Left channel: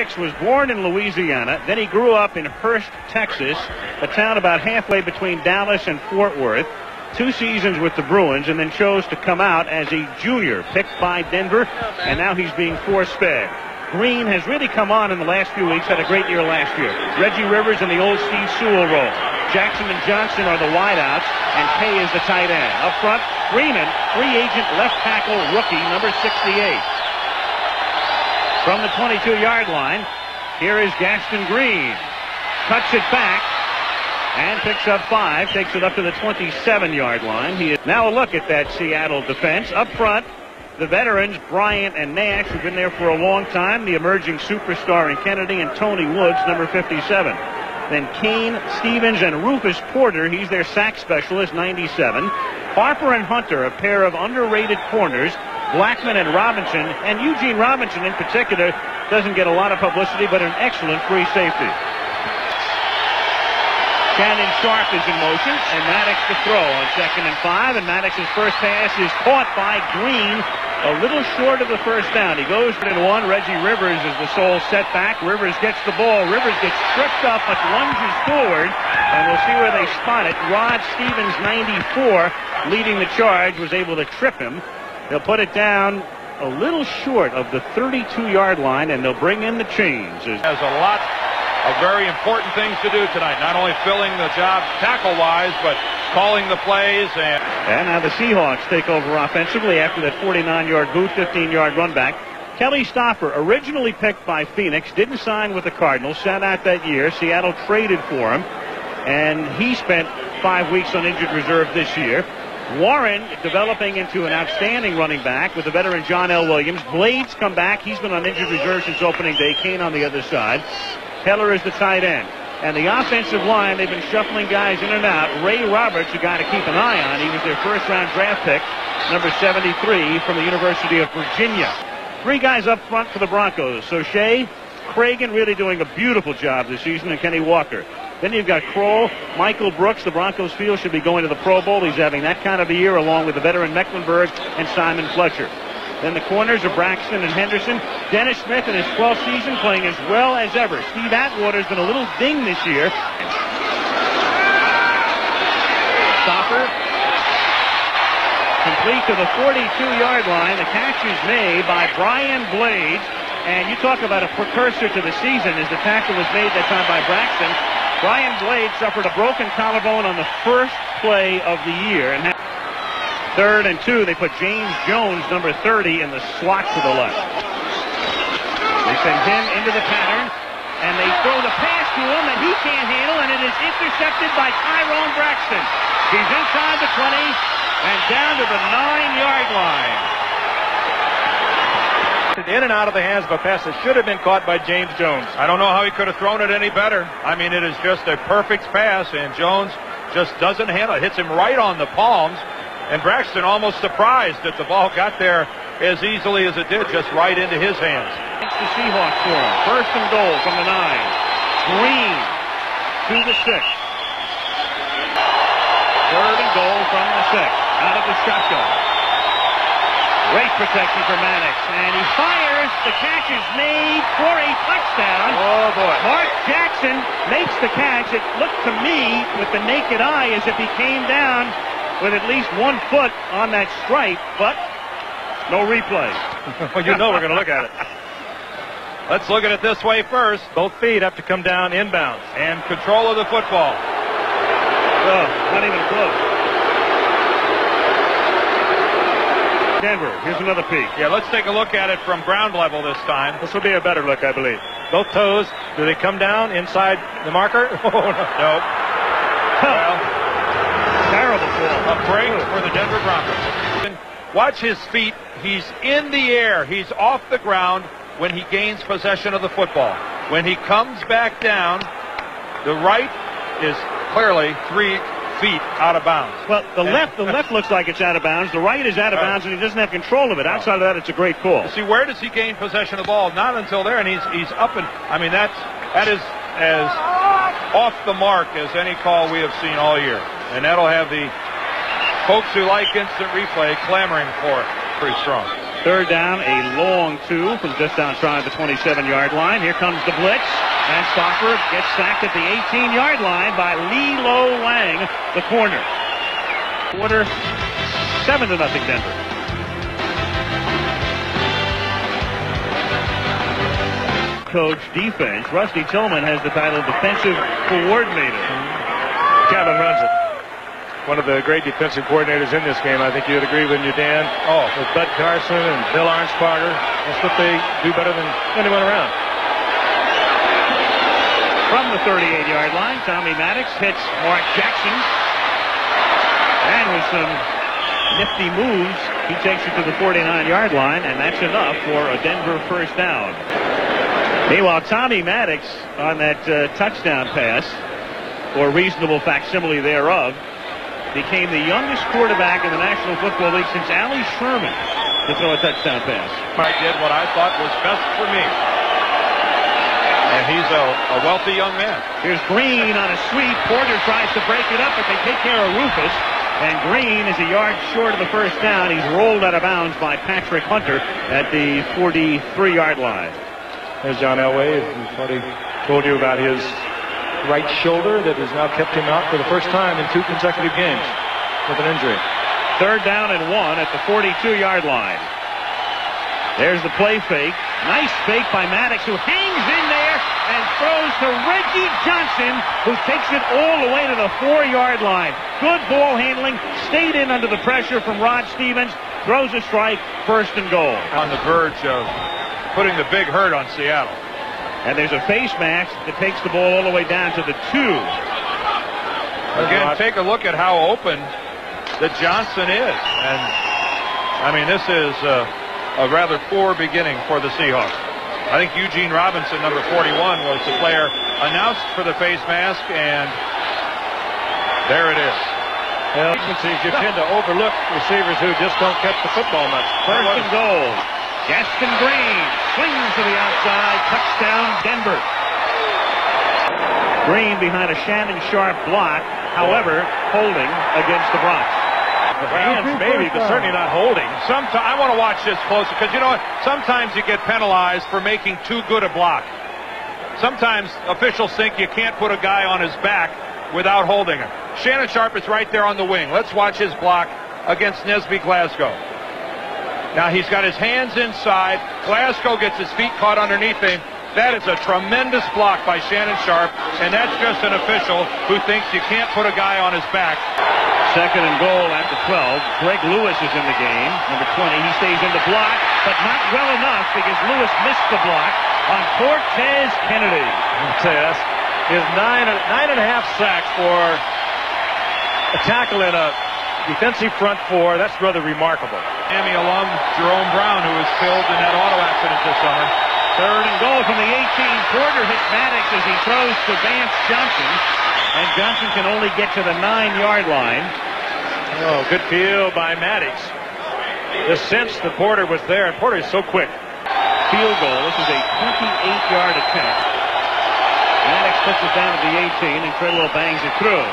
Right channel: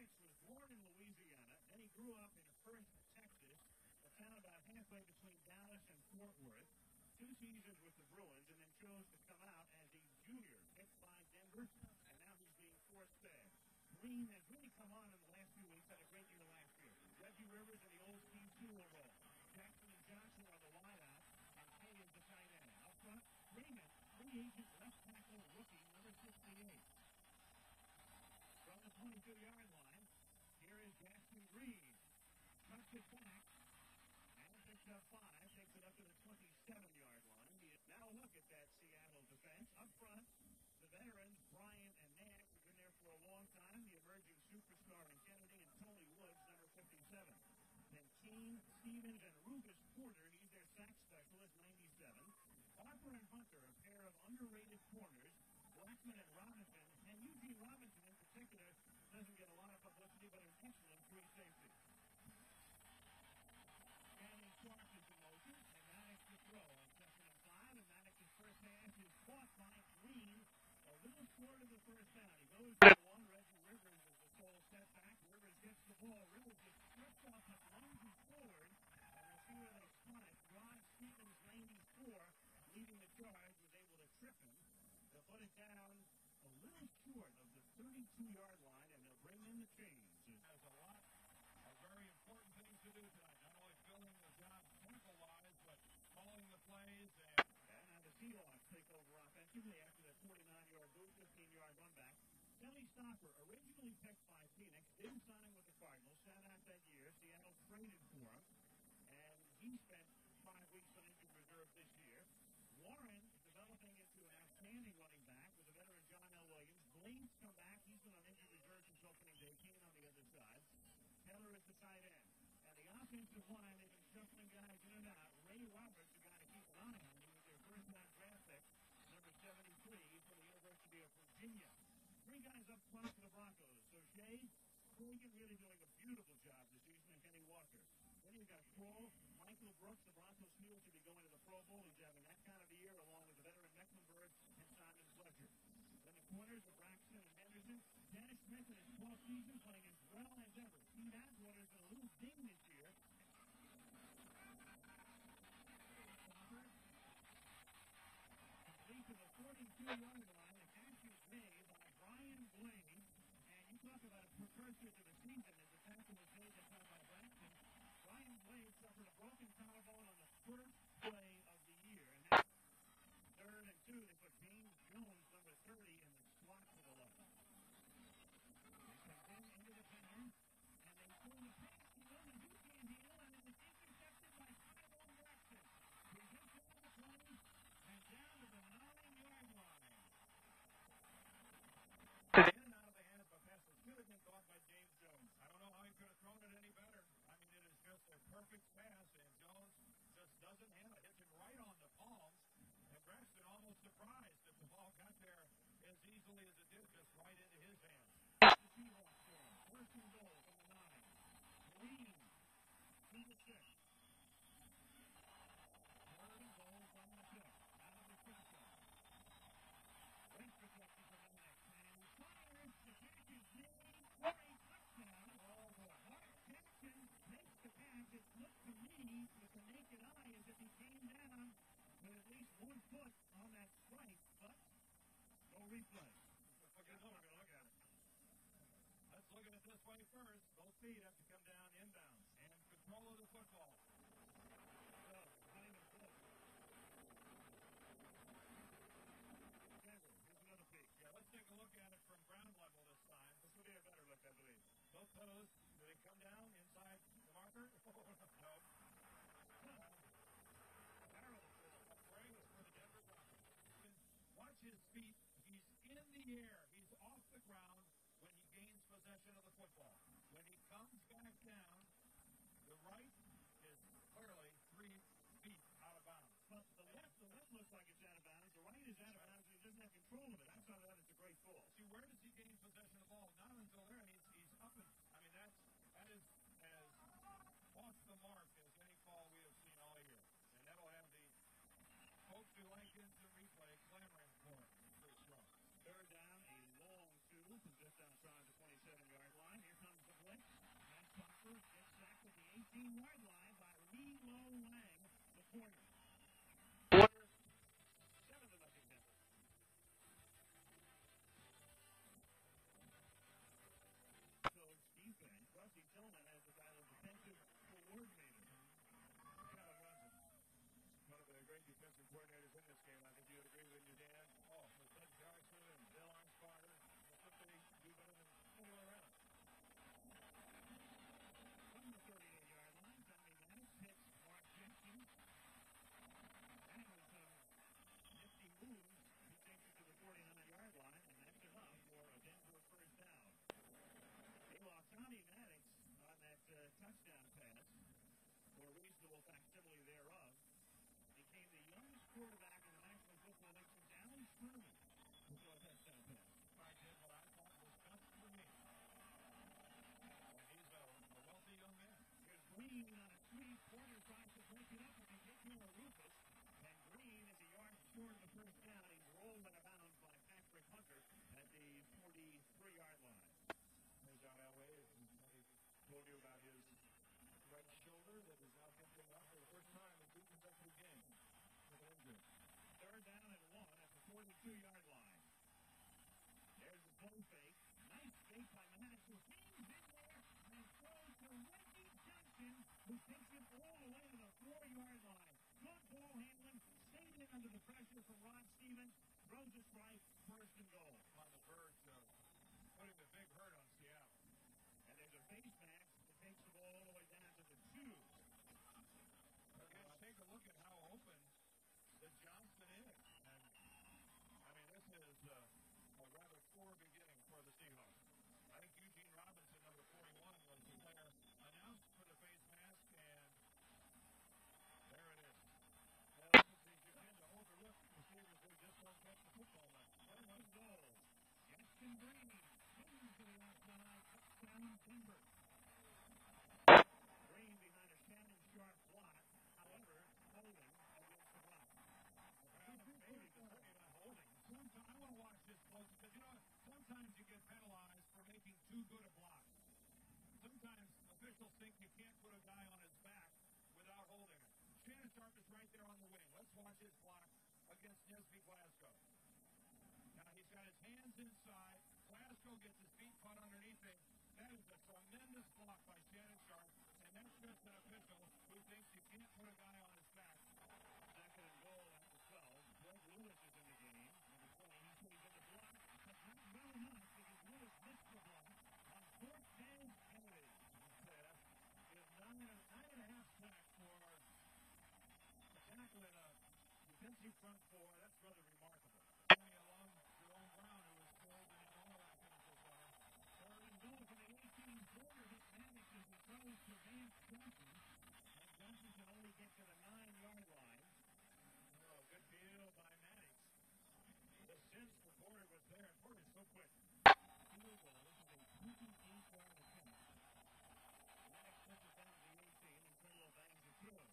Maddox was born in Louisiana. Then he grew up in Hurst, Texas, a town about halfway between Dallas and Fort Worth. 2 seasons with the Bruins, and then chose to come out as a junior, picked by Denver, and now he's being force-fed. Green has really come on in the last few weeks, had a great year last year. Reggie Rivers in the old Steve Sewell role. Jackson and Johnson are the wideouts, and Kay is the tight end. Up front, Freeman, free agent left tackle rookie, number 68. From the 22-yard line, here is Gaston Green. Cuts it back and picks up 5, takes it up to the 27-yard line. He is now a look at that Seattle defense. Up front, the veterans, Bryant and Nash, who've been there for a long time. The emerging superstar in Kennedy, and Tony Woods, number 57. Then Kane, Stevens, and Rufus Porter. He's their sack specialist, 97. Harper and Hunter, a pair of underrated corners. Blackman and Robinson, and Eugene Robinson in particular doesn't get a lot of publicity, but an excellent free safety. Shannon Sharp is in motion, and Maddox to throw on 2nd and 5, and Maddox's first pass is caught by Green, a little short of the first down. He goes for 1. Reggie Rivers is the sole setback. Rivers gets the ball. Rivers gets tripped up, but lunges forward, and we'll see where they spot it. Rod Stevens, 94, leading the charge, was able to trip him. They'll put it down a little short of the 32-yard line, and they'll bring in the chains. Has a lot of very important things to do tonight. Not only filling the job tackle-wise, but calling the plays. And now the Seahawks take over offensively after that 49-yard boot, 15-yard run back. Kelly Stoffer, originally picked by Phoenix, didn't sign with the Cardinals, sat out that year. Seattle traded for him, and he spent 5 weeks on injured reserve this year. Warren developing into an outstanding running back with the veteran John L. Williams. Blades come back. He's been on injured reserve since opening day. Kane on the other side. Keller is the tight end. And the offensive line, they've been shuffling guys in and out. Ray Roberts, a guy to keep an eye on. He was their first-round draft pick, number 73 from the University of Virginia. 3 guys up front for the Broncos. Soche, Cragen really doing a beautiful job this season, and Kenny Walker. Then you've got Kroll, Michael Brooks. The Broncos feel should be going to the Pro Bowl. He's having that kind of a year, along with the veteran Mecklenburg and Simon Fletcher. Then the corners are Braxton and Henderson. Dennis Smith in his 12th season playing as well as ever. Steve Atwater's been a little ding this year. Stopper complete to the 42-yard line. The catch is made by Brian Blades. And you talk about a precursor to the season as the tackle was made that time by Braxton. Brian Blades suffered a broken collarbone on the first play of the year. And 3rd and 2, they put James Jones, number 30, in the slot to the left. They send him into the pattern, and they throw the pass to him that he can't handle, and it is intercepted by Tyrone Braxton. He's inside the 20 and down to the 9-yard line. In and out of the hands of a pass that should have been caught by James Jones. I don't know how he could have thrown it any better. I mean, it is just a perfect pass, and Jones just doesn't handle it. Hits him right on the palms, and Braxton almost surprised that the ball got there as easily as it did, just right into his hands. It's the Seahawks for him. 1st and goal from the 9. Green to the 6. 3rd and goal from the 6. Out of the shotgun. Great protection for Maddox, and he fires. The catch is made for a touchdown. Oh, boy. Mark Jackson makes the catch. It looked to me, with the naked eye, as if he came down with at least 1 foot on that stripe, but no replay. Well, you know we're going to look at it. Let's look at it this way first. Both feet have to come down inbounds. And control of the football. Oh, not even close. Denver, here's another peek. Yeah, let's take a look at it from ground level this time. This will be a better look, I believe. Both toes, do they come down inside the marker? Oh, no. Nope. Well, terrible ball. a break for the Denver Broncos. Watch his feet. He's in the air. He's off the ground when he gains possession of the football. When he comes back down, the right is clearly 3 feet out of bounds. Well, the left looks like it's out of bounds. The right is out of bounds, and he doesn't have control of it. Outside of that, it's a great call. See, where does he gain possession of the ball? Not until there, and he's up and, I mean, that is as off the mark as any call we have seen all year. And that'll have the folks who like instant replay clamoring for it pretty strong. Third down, a long 2 from just outside the 27-yard line. Here comes the blitz, and Stauffer gets sacked at the 18-yard line by Lilo Lang, the corner. Quarter, 7-0 Denver. Coach defense. Rusty Tillman has the title defensive coordinator. Kevin runs it. One of the great defensive coordinators in this game. I think you'd agree with you, Dan. Oh, with Bud Carson and Bill Arnsparger. That's what they do better than anyone around. From the 38-yard line, Tommy Maddox hits Mark Jackson. And with some nifty moves, he takes it to the 49-yard line, and that's enough for a Denver first down. Meanwhile, Tommy Maddox on that touchdown pass, or reasonable facsimile thereof, became the youngest quarterback in the National Football League since Allie Sherman to throw a touchdown pass. I did what I thought was best for me. And he's a wealthy young man. Here's Green on a sweep. Porter tries to break it up, but they take care of Rufus. And Green is a yard short of the first down. He's rolled out of bounds by Patrick Hunter at the 43-yard line. There's John Elway. We've already told you about his right shoulder that has now kept him out for the first time in 2 consecutive games with an injury. Third down and 1 at the 42-yard line. There's the play fake. Nice fake by Maddox, who hangs in there and throws to Reggie Johnson, who takes it all the way to the 4-yard line. Good ball handling. Stayed in under the pressure from Rod Stevens. Throws a strike. First and goal. On the verge of putting the big hurt on Seattle. And there's a face mask that takes the ball all the way down to the 2. Again, take a look at how open that Johnson is. And, I mean, this is a rather poor beginning for the Seahawks. I think Eugene Robinson, number 41, was the player announced for the face mask, and there it is. Well, you tend to overlook receivers who just don't catch the football much. First and goal. Gaston Green swings to the outside. Touchdown, Denver. Green behind a Shannon Sharp block. However, holding against the Bronx. Hands maybe, but certainly not holding. I want to watch this closer, because you know what? Sometimes you get penalized for making too good a block. Sometimes officials think you can't put a guy on his back without holding him. Shannon Sharp is right there on the wing. Let's watch his block against Nesby Glasgow. Now he's got his hands inside. Glasgow gets his feet caught underneath him. That is a tremendous block by Shannon Sharp, and that's just an official who thinks you can't put a guy on his back. Second and goal at the 12. Greg Lewis is in the game. Number 20. He stays in the block, but not well enough because Lewis missed the block on Cortez Kennedy. I'll tell you, that's his 9.5 sacks for a tackle in a defensive front 4. That's rather remarkable. Miami alum Jerome Brown, who was killed in that auto accident this summer. Third and goal from the 18. Porter hits Maddox as he throws to Vance Johnson. And Johnson can only get to the 9-yard line. Oh, good field by Maddox. The sense that Porter was there, and Porter is so quick. Field goal. This is a 28-yard attempt. Maddox puts it down at the 18, and Treadwell bangs it through.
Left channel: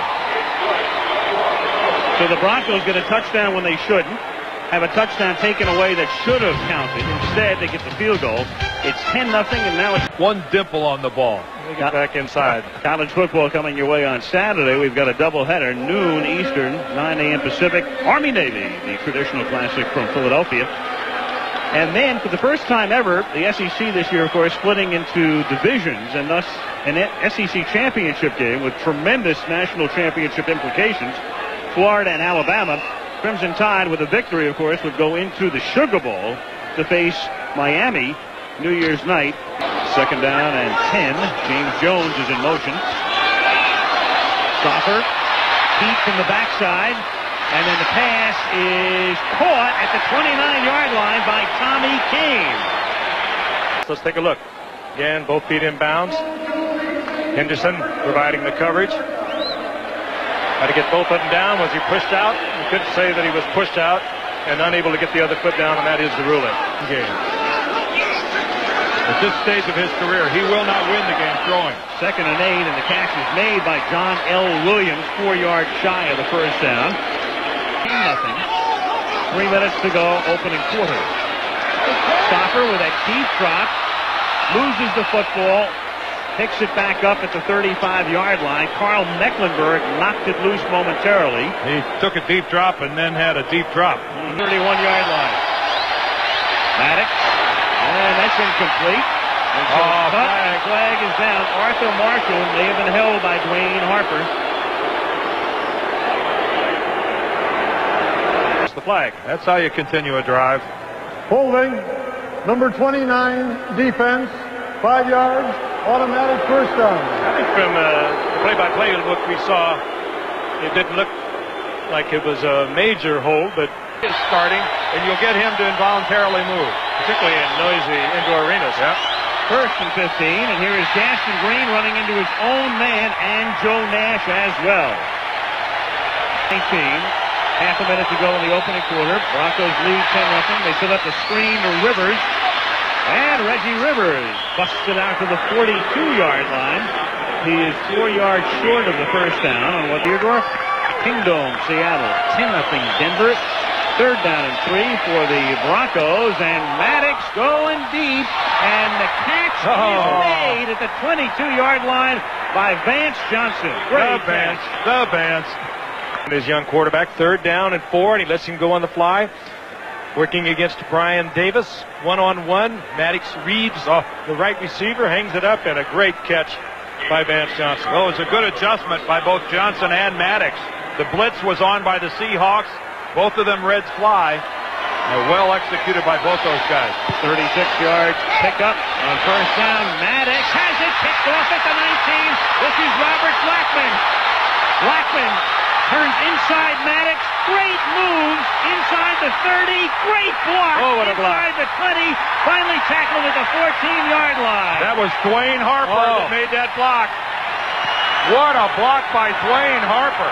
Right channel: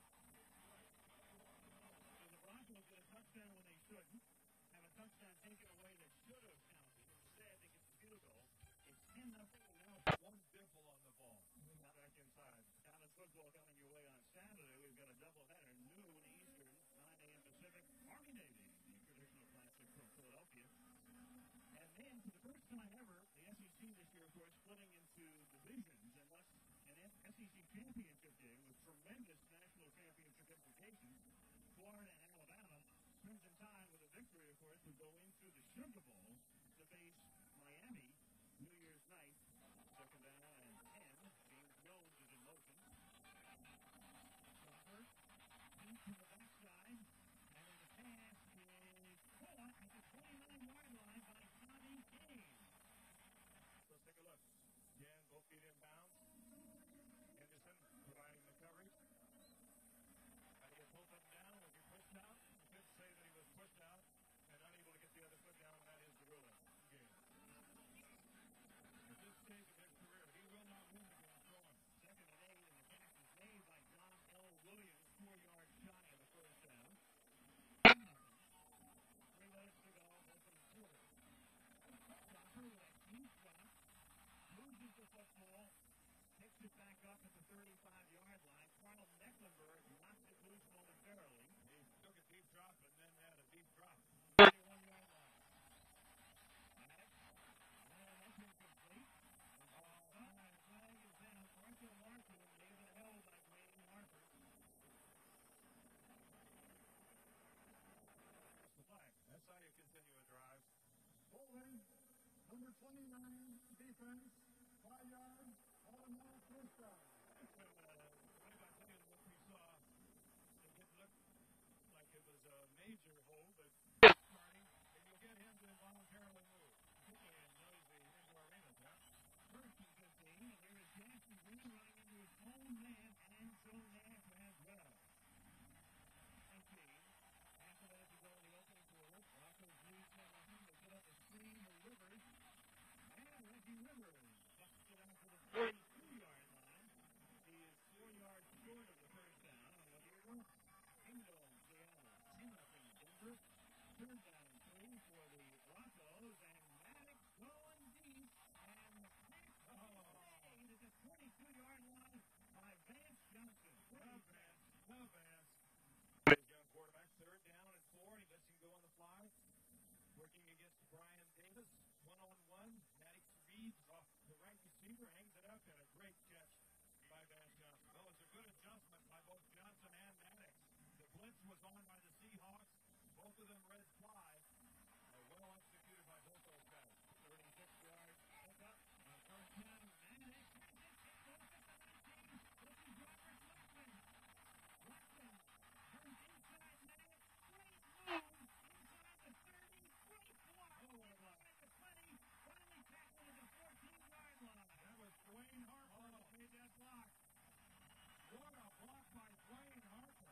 So the Broncos get a touchdown when they shouldn't. Have a touchdown taken away that should have counted. Instead, they get the field goal. It's 10-0, and now it's one dimple on the ball. They get back inside. College football coming your way on Saturday. We've got a doubleheader, noon Eastern, 9 a.m. Pacific. Army-Navy, the traditional classic from Philadelphia. And then, for the first time ever, the SEC this year, of course, splitting into divisions, and thus an SEC championship game with tremendous national championship implications. Florida and Alabama. Crimson Tide, with a victory, of course, would go into the Sugar Bowl to face Miami New Year's night. Second down and 10. James Jones is in motion. Stauffer, heat from the backside, and then the pass is caught at the 29-yard line by Tommy Kane. Let's take a look. Again, both feet in bounds. Henderson providing the coverage. Had to get both of them down. Was he pushed out? We could say that he was pushed out and unable to get the other foot down, and that is the ruling. Game. At this stage of his career, he will not win the game throwing. Second and 8, and the catch is made by John L. Williams, 4 yards shy of the first down. 10-0. 3 minutes to go, opening quarter. Stopper with a deep drop, loses the football, picks it back up at the 35-yard line. Carl Mecklenburg knocked it loose momentarily. He took a deep drop and then had a deep drop. 31-yard line. Maddox, and that's incomplete. Flag is down. Arthur Marshall may have been held by Dwayne Harper. That's the flag. That's how you continue a drive. Holding, number 29, defense, 5 yards, automatic first down. I think from the play-by-play look we saw, it didn't look like it was a major hold, but Is starting, and you'll get him to involuntarily move. particularly in noisy indoor arenas. Yep. First and 15, and here is Gaston Green running into his own man and Joe Nash as well. 19, half a minute to go in the opening quarter. Broncos lead 10-0. They set up the screen to Rivers, and Reggie Rivers busted out to the 42-yard line. He is 4 yards short of the first down on what Theodore. Kingdom, Seattle, 10-0 Denver. Third down and 3 for the Broncos, and Maddox going deep, and the catch is made at the 22-yard line by Vance Johnson. Great catch. The Vance. His young quarterback, third down and 4, and he lets him go on the fly. Working against Brian Davis, one-on-one. Maddox reads off the right receiver, hangs it up, and a great catch by Vance Johnson. Well, it was a good adjustment by both Johnson and Maddox. The blitz was on by the Seahawks. Both of them Reds fly. Well executed by both those guys. 36 yards pickup on first down. Maddox has it picked off at the 19. This is Robert Blackman. Blackman turns inside Maddox. Great move inside the 30. Great block. Oh, what a block. Inside the 20. Finally tackled at the 14-yard line. That was Dwayne Harper that made that block. What a block by Dwayne Harper.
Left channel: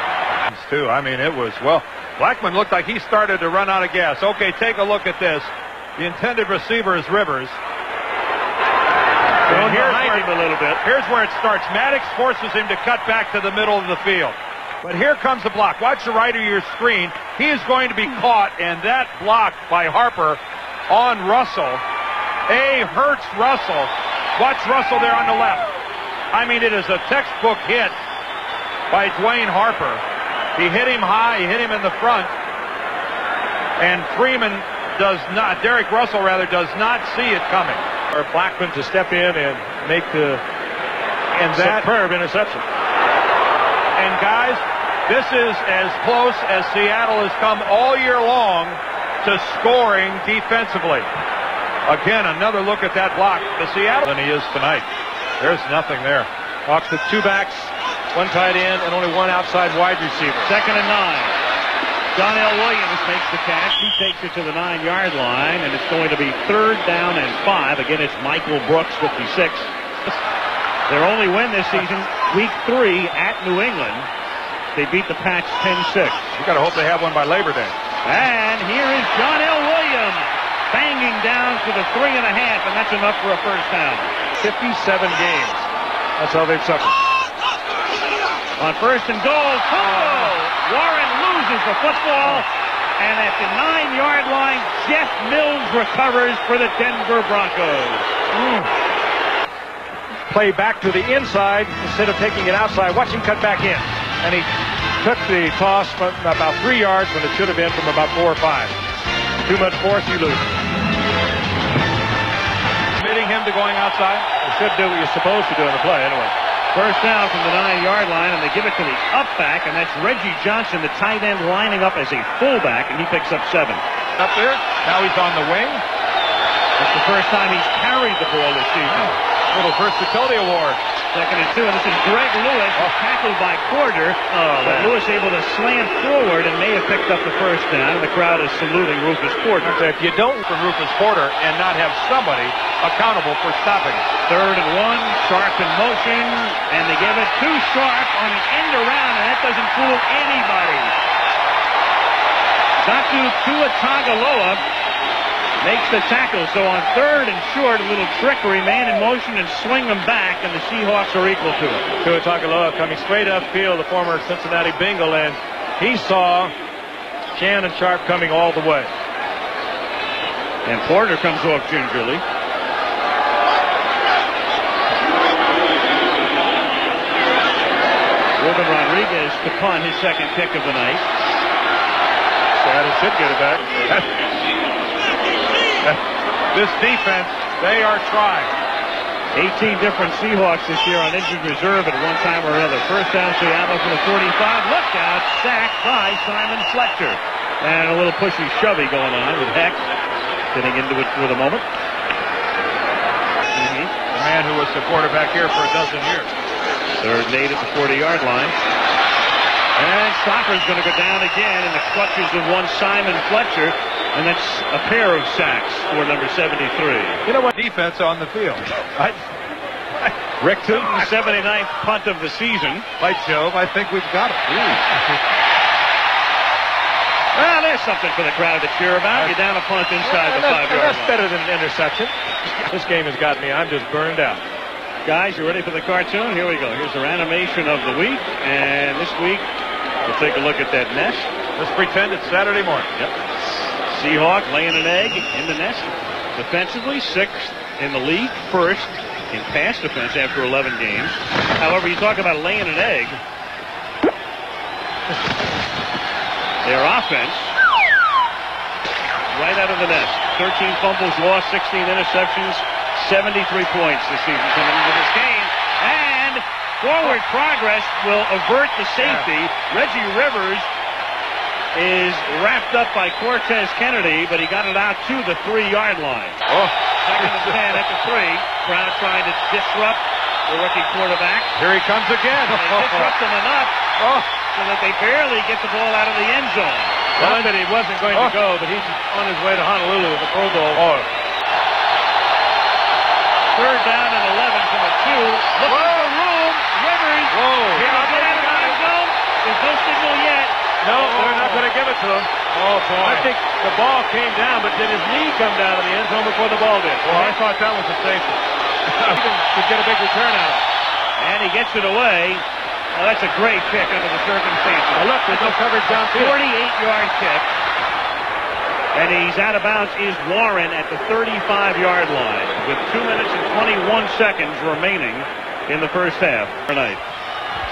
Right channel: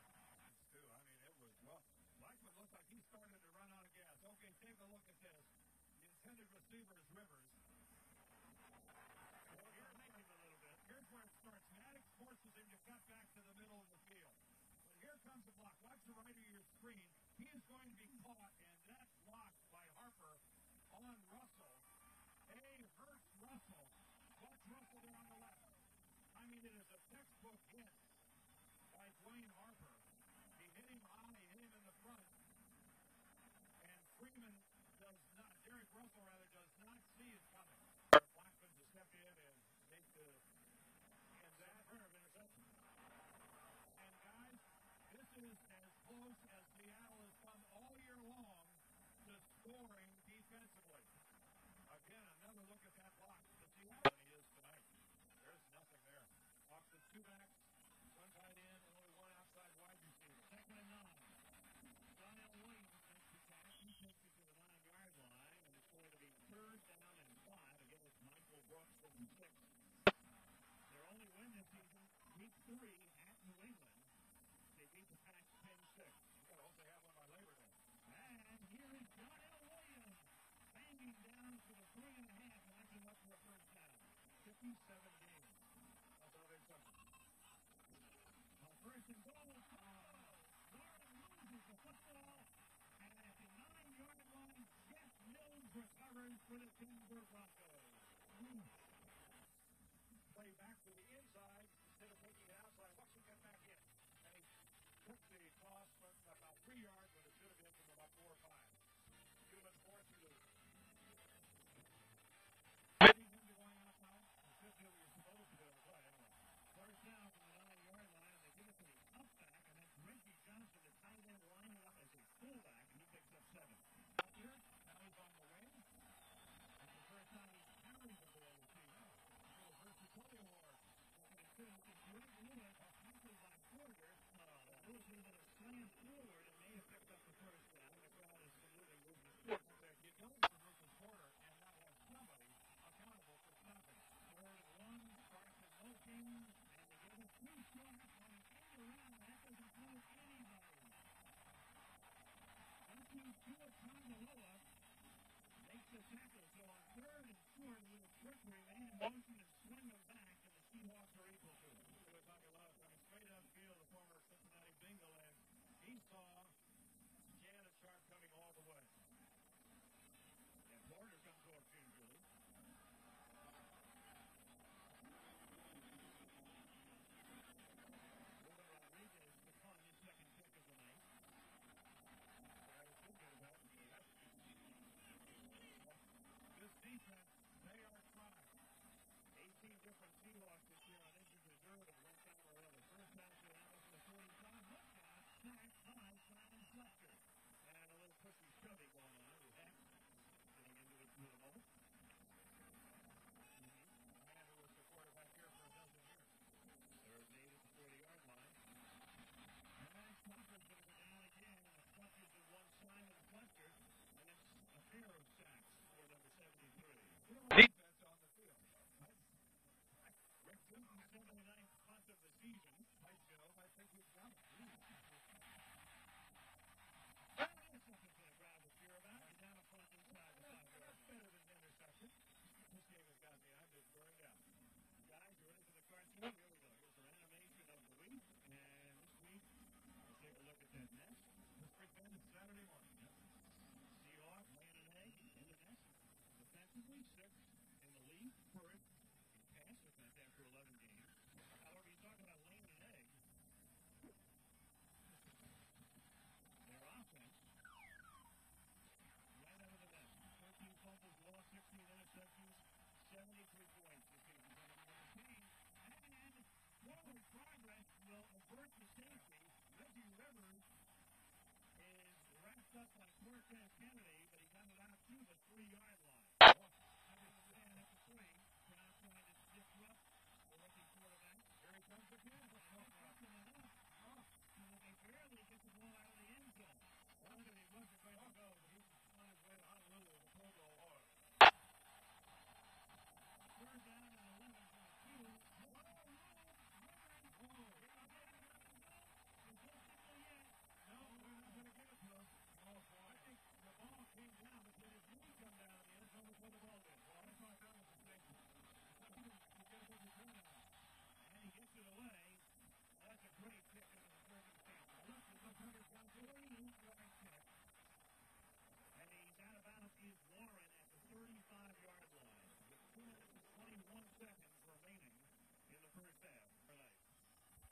Too. I mean, it was, well, Blackman looked like he started to run out of gas. Okay, take a look at this. The intended receiver is Rivers. Going behind him a little bit. Here's where it starts. Maddox forces him to cut back to the middle of the field. But here comes the block. Watch the right of your screen. He is going to be caught, and that block by Harper on Russell. Hurts Russell. Watch Russell there on the left. I mean, it is a textbook hit by Dwayne Harper. He hit him high, he hit him in the front, and Freeman does not, Derek Russell rather, does not see it coming. Or Blackman to step in and make the superb interception. And guys, this is as close as Seattle has come all year long to scoring defensively. Again, another look at that block. The Seattle than he is tonight. There's nothing there. Hawks with 2 backs, 1 tight end, and only 1 outside wide receiver. Second and 9. John L. Williams makes the catch. He takes it to the 9-yard line, and it's going to be third down and 5. Again, it's Michael Brooks, 56. Their only win this season, week 3 at New England. They beat the Pats 10-6. You got to hope they have one by Labor Day. And here is John L. Williams banging down to the 3.5, and that's enough for a first down. 57 games. That's how they've suffered. On first and goal, Warren loses the football, and at the 9-yard line, Jeff Mills recovers for the Denver Broncos. Play back to the inside instead of taking it outside. Watch him cut back in. And he took the toss from about 3 yards when it should have been from about 4 or 5. Too much force, you lose. Committing him to going outside? You should do what you're supposed to do in the play anyway. First down from the 9-yard line, and they give it to the up-back, and that's Reggie Johnson, the tight end, lining up as a fullback, and he picks up 7. Up there. Now he's on the wing. That's the first time he's carried the ball this season. Little versatility award. Second and 2, and this is Greg Lewis, tackled by Porter. But Lewis able to slant forward and may have picked up the first down. The crowd is saluting Rufus Porter. If you don't for Rufus Porter and not have somebody accountable for stopping it. Third and 1, Sharp in motion, and they give it to Sharp on an end around, and that doesn't fool anybody. Datu Tuatagaloa makes the tackle, so on third and short, a little trickery, man in motion, and swing them back, and the Seahawks are equal to it. Tuatagaloa coming straight upfield, the former Cincinnati Bengal, and he saw Shannon Sharp coming all the way. And Porter comes off gingerly. Ruben Rodriguez to punt, his second kick of the night. Seattle should get it back. This defense, they are trying. 18 different Seahawks this year on injured reserve at one time or another. First down, Seattle from the 45. Look out, sacked by Simon Fletcher. And a little pushy shovey going on with Heck getting into it for the moment. The man who was the quarterback here for a dozen years. Third and 8 at the 40-yard line. And Stopper's going to go down again in the clutches of one Simon Fletcher. And that's a pair of sacks for number 73. You know what? Defense on the field. Rick Tootin's 79th punt of the season. By Jove, I think we've got it. Well, there's something for the crowd to cheer about. You're down a punt inside the 5-yard line. That's better than an interception. This game has got me. I'm just burned out. Guys, you ready for the cartoon? Here we go. Here's our animation of the week. And this week, we'll take a look at that nest. Let's pretend it's Saturday morning. Yep. Seahawk laying an egg in the nest. Defensively, 6th in the league. 1st in pass defense after 11 games. However, you talk about laying an egg. Their offense, right out of the nest. 13 fumbles lost, 16 interceptions, 73 points this season coming into this game. And forward progress will avert the safety. Reggie Rivers is wrapped up by Cortez Kennedy, but he got it out to the 3-yard line. Second and 10 at the 3. Brown trying to disrupt the rookie quarterback. Here he comes again. And disrupt him enough so that they barely get the ball out of the end zone. Not that he wasn't going to go, but he's on his way to Honolulu with the Pro Bowl. Third down and 11 from the 2. Looking for room. Rivers. Here we go out of the end zone. There's no signal yet. No, they're not going to give it to him. Oh, boy. I think the ball came down, but did his knee come down in the end zone before the ball did? Well, I thought that was a safety. Could get a big return out of it. And he gets it away. Well, that's a great kick under the circumstances. Now look, there's no coverage downfield. 48-yard kick. And he's out of bounds is Warren at the 35-yard line with 2 minutes and 21 seconds remaining in the first half tonight.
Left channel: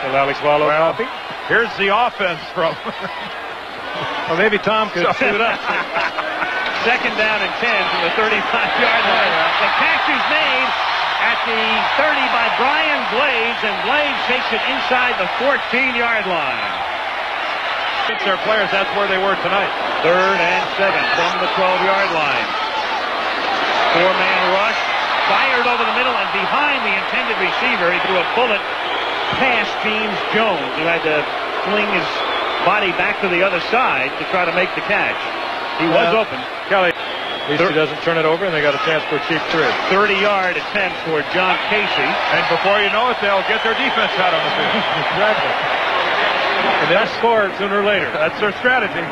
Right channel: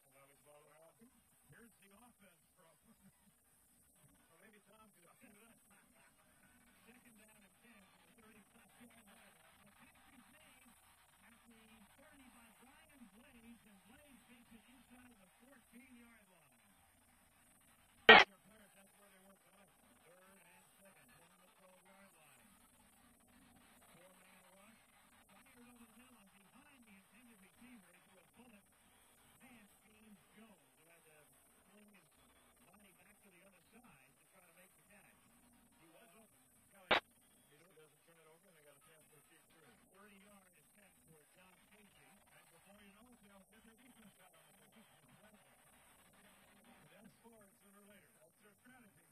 So Alex Wallow copy. Here's the offense from. Well, maybe Tom could suit up. Second down and 10 from the 35-yard line. The catch is made at the 30 by Brian Blades, and Blades takes it inside the 14-yard line. It's their players, that's where they were tonight. Third and 7 from the 12-yard line. 4-man rush, fired over the middle and behind the intended receiver. He threw a bullet past James Jones, who had to fling his body back to the other side to try to make the catch. He was open. Kelly, at least he doesn't turn it over, and they got a chance for a cheap 3. 30-yard attempt for John Casey. And before you know it, they'll get their defense out on the field. Exactly. And they'll score sooner or later. That's their strategy.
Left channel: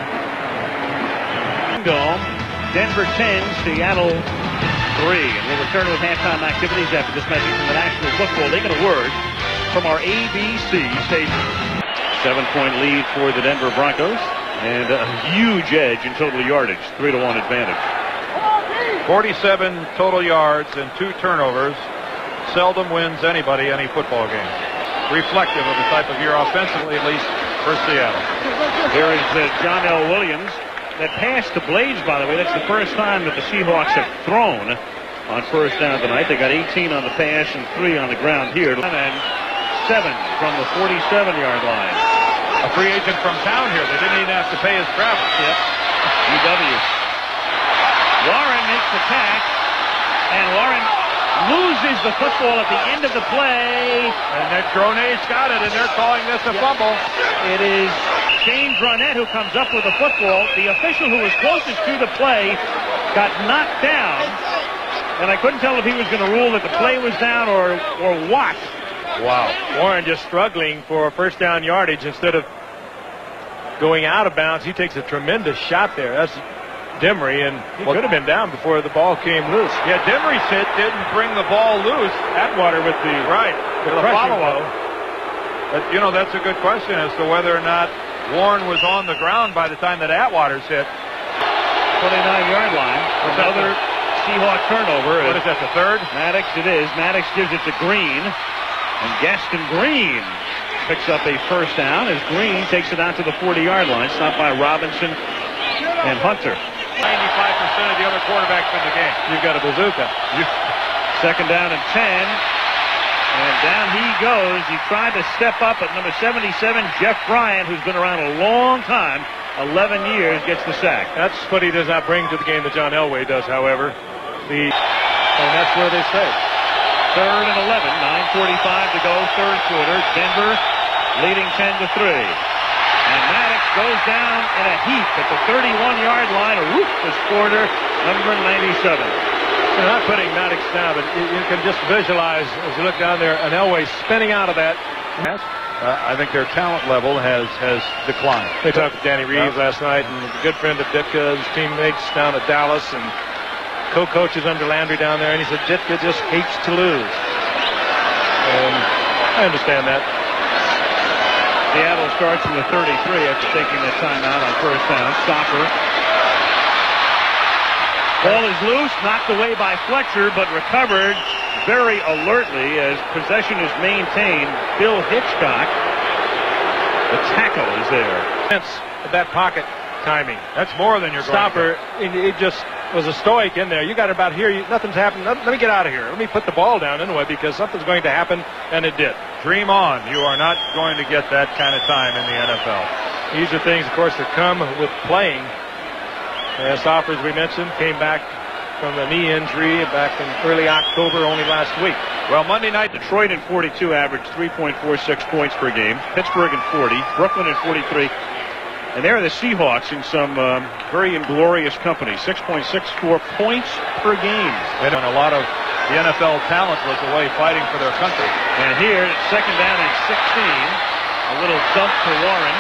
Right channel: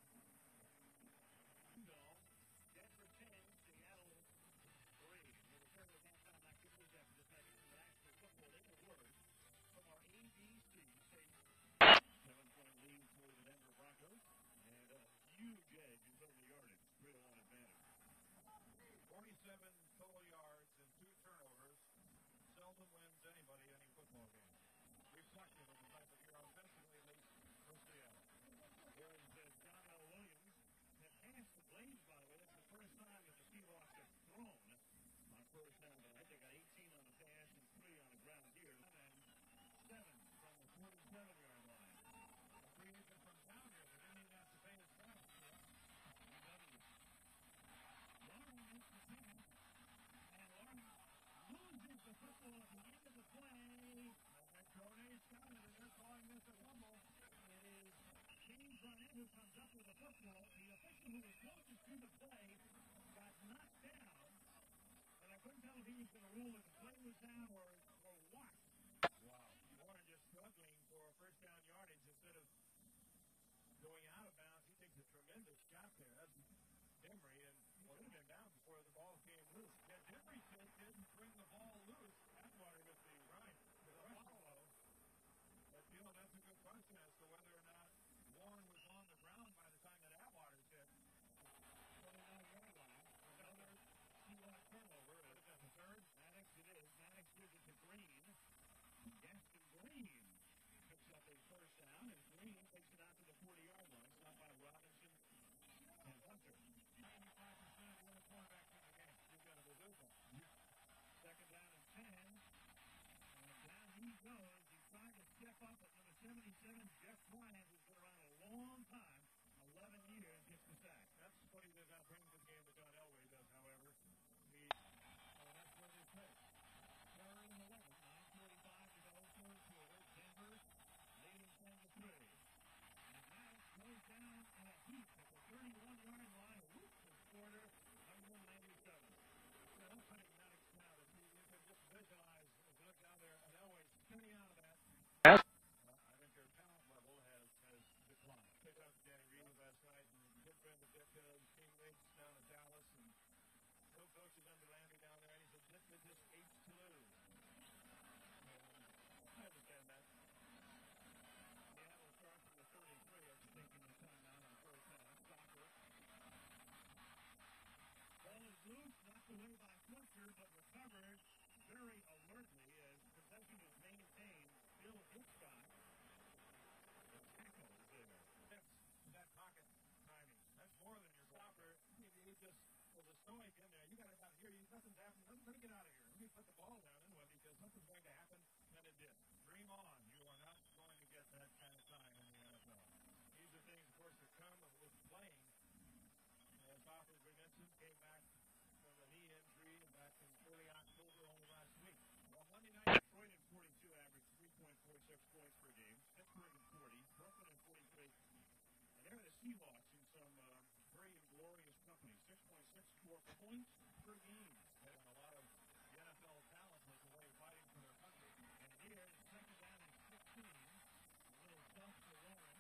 Dome, Denver 10, Seattle 3. And we'll return with halftime activities after this message from the National Football League and a word from our ABC station. 7-point lead for the Denver Broncos and a huge edge in total yardage, 3-1 advantage. 47 total yards and 2 turnovers. Seldom wins anybody any football game. Reflective of the type of year offensively, at least for Seattle. Here is John L. Williams. That pass to Blades, by the way, that's the first time that the Seahawks have thrown on first down tonight. They got 18 on the pass and 3 on the ground here. And 7 from the 47-yard line. A free agent from town here. They didn't even have to pay his travel. Yep. UW. Warren makes the catch, and Warren loses the football at the end of the play. And that Grone's got it, and they're calling this a fumble. It is Shane Dronette who comes up with the football. The official who was closest to the play got knocked down, and I couldn't tell if he was going to rule that the play was down or what. Wow. Warren just struggling for first down yardage instead of going out of bounds. He takes a tremendous shot there. That's Demery, and he could have been down before the ball came loose. Yeah, Demery's hit didn't bring the ball loose. Atwater with the follow-up. But, you know, that's a good question as to whether or not Warren was on the ground by the time that Atwater's hit. 29-yard line. Another Seahawk turnover. What is that, the third? Maddox, it is. Maddox gives it to Green. And Gaston Green picks up a first down as Green takes it out to the 40-yard line. Stopped by Robinson and Hunter. 95% of the other quarterbacks in the game. You've got a bazooka. Second down and 10. And down he goes. He tried to step up at number 77, Jeff Bryant, who's been around a long time. 11 years, gets the sack. That's what he does not bring to the game that John Elway does, however. And that's where they stay. Third and 11, 9:45 to go, third quarter. Denver leading 10-3. And Maddox goes down in a heap at the 31-yard line. A ruthless quarter, number 97. They're not putting Maddox down, but you can just visualize as you look down there an Elway spinning out of that. I think their talent level has declined. They talked to Danny Reeves last night, and a good friend of Ditka's teammates down at Dallas, and co-coaches under Landry down there, and he said Ditka just hates to lose. And I understand that. Seattle starts from the 33 after taking the timeout on first down. Stopper. Ball is loose, knocked away by Fletcher, but recovered very alertly as possession is maintained. Bill Hitchcock, the tackle, is there. That pocket timing. That's more than your Stopper. It just was a stoic in there. You got it about here. Nothing's happened. Let me get out of here. Let me put the ball down anyway because something's going to happen, and it did. Dream on. You are not going to get that kind of time in the NFL. These are things, of course, that come with playing. Stopper, as we mentioned, came back from a knee injury back in early October, only last week. Well, Monday night, Detroit in 42 averaged 3.46 points per game. Pittsburgh in 40. Brooklyn in 43. And there are the Seahawks in some very inglorious company. 6.64 points per game. And a lot of the NFL talent was away fighting for their country. And here, it's second down and 16. A little dump to Warren.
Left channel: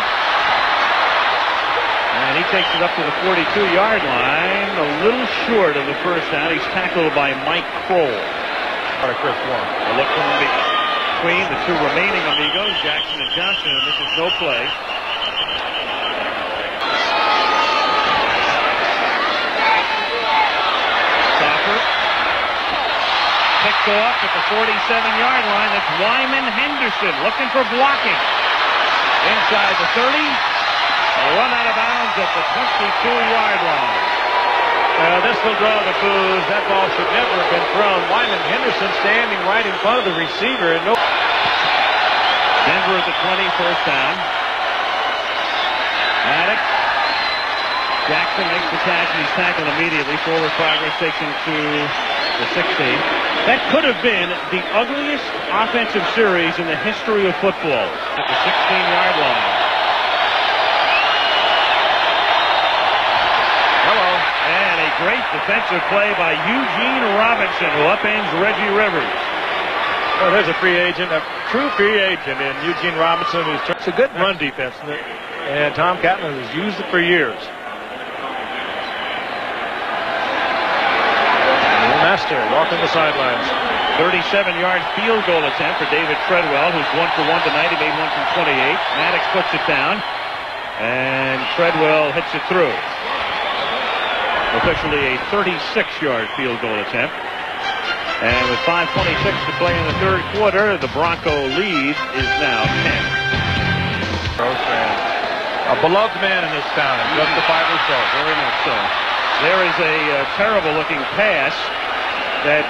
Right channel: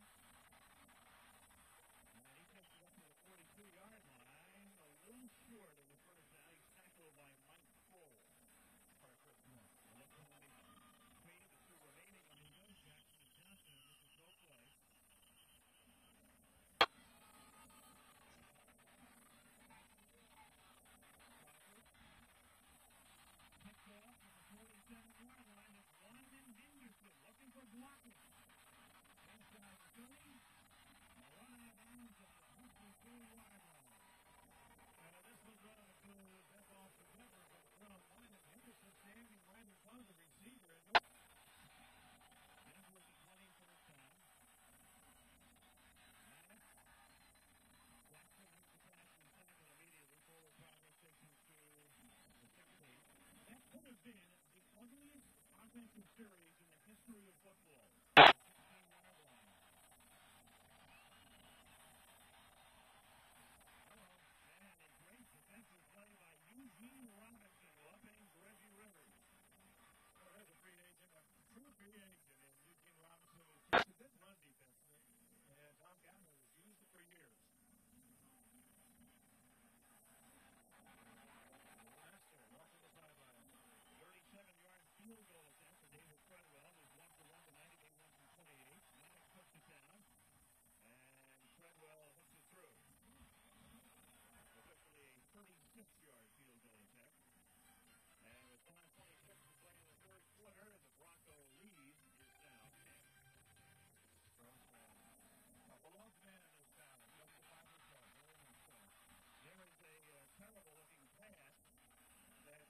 And he takes it up to the 42-yard line, a little short of the first down. He's tackled by Mike Kroll. Chris Warren. A look from between the two remaining amigos, Jackson and Johnson, and this is no play. Stopper. Picked off at the 47-yard line. That's Wyman Henderson looking for blocking. Inside the 30. A run out of bounds at the 22-yard line. This will draw the boos. That ball should never have been thrown. Wyman Henderson standing right in front of the receiver. And Denver at the 20, first down. Maddox. Jackson makes the catch, and he's tackled immediately. Forward progress takes him to the 16. That could have been the ugliest offensive series in the history of football. At the 16-yard line. And a great defensive play by Eugene Robinson, who upends Reggie Rivers. Well, there's a free agent, a true free agent in Eugene Robinson. It's a good run defense, and Tom Catlin has used it for years. Master walking the sidelines. 37-yard field goal attempt for David Treadwell, who's 1 for 1 tonight. He made one from 28. Maddox puts it down, and Treadwell hits it through. Officially a 36-yard field goal attempt. And with 5:26 to play in the third quarter, the Bronco lead is now 10. A beloved man in this town, justifiably so. Very much so. There is a terrible-looking pass that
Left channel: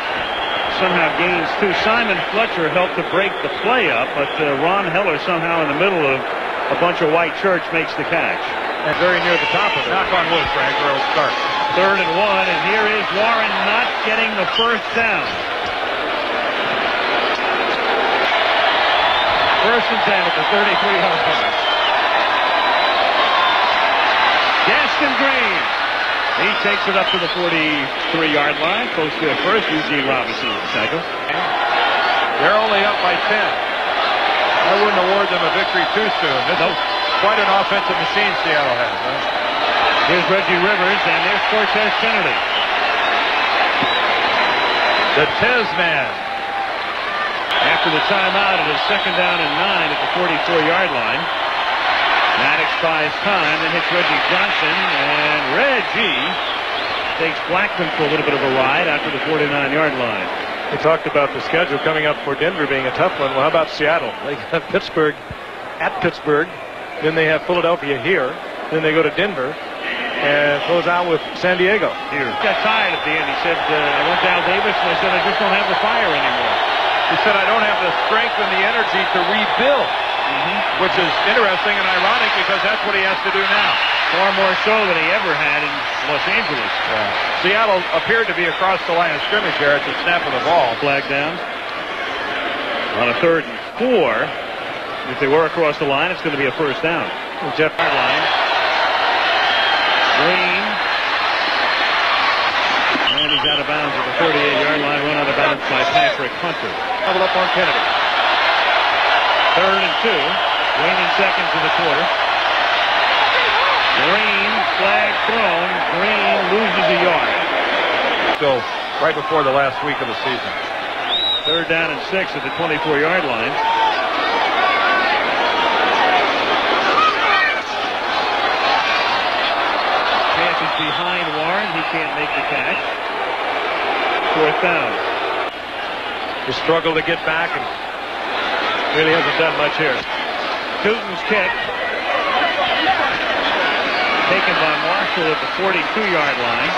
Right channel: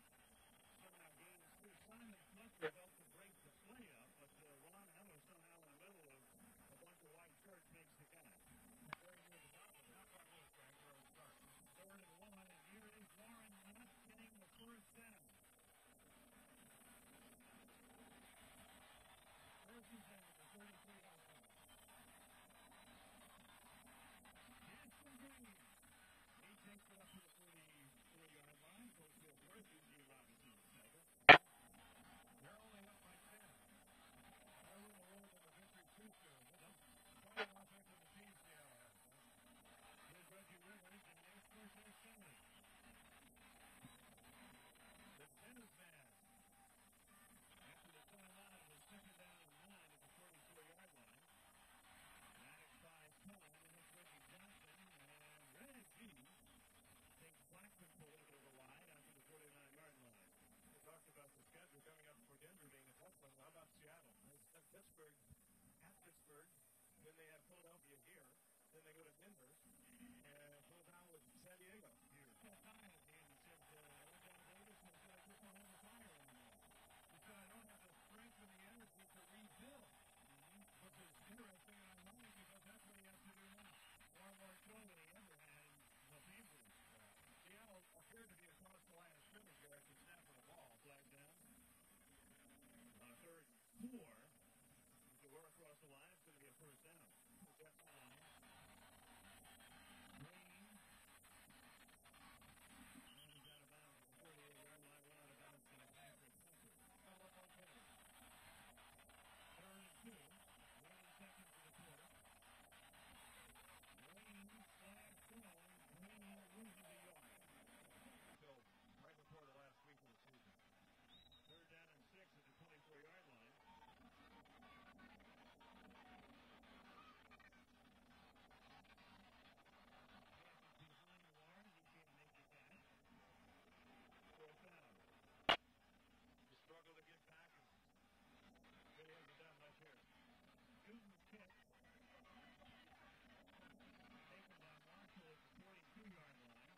somehow gains two. Simon Fletcher helped to break the play up, but Ron Heller somehow in the middle of a bunch of white church makes the catch. And very near the top of it. Knock on wood, Frank, or it'll start. Third and 1, and here is Warren not getting the first down. First and 10 at the 33-yard line. Gaston Green. He takes it up to the 43-yard line, close to the first. Eugene Robinson with the tackle. They're only up by 10. I wouldn't award them a victory too soon. This is quite an offensive machine Seattle has. Huh? Here's Reggie Rivers, and there's Cortez Kennedy. The Tez man. After the timeout, it is second down and 9 at the 44-yard line. Maddox buys time, then hits Reggie Johnson, and Reggie takes Blackman for a little bit of a ride after the 49-yard line. We talked about the schedule coming up for Denver being a tough one. Well, how about Seattle? They have Pittsburgh at Pittsburgh. Then they have Philadelphia here. Then they go to Denver and close out with San Diego. Here. Got tired at the end. He said, I went to Al Davis and I said, I just don't have the fire anymore. He said, I don't have the strength and the energy to rebuild, which is interesting and ironic because that's what he has to do now. Far more so than he ever had in Los Angeles. Seattle appeared to be across the line of scrimmage there at the snap of the ball. Flag down. On a 3rd and 4. If they were across the line, it's going to be a first down. Jeff line. Green. And he's out of bounds at the 38-yard line. Run out of bounds by Patrick Hunter. Double up on Kennedy. 3rd and 2. Waning seconds of the quarter. Green, flag thrown. Green loses a yard. Still right before the last week of the season. 3rd down and 6 at the 24-yard line. Chance is behind Warren. He can't make the catch. 4th down. He struggled to get back and really hasn't done much here. Tootin's kick. Taken by Marshall at the 42-yard line.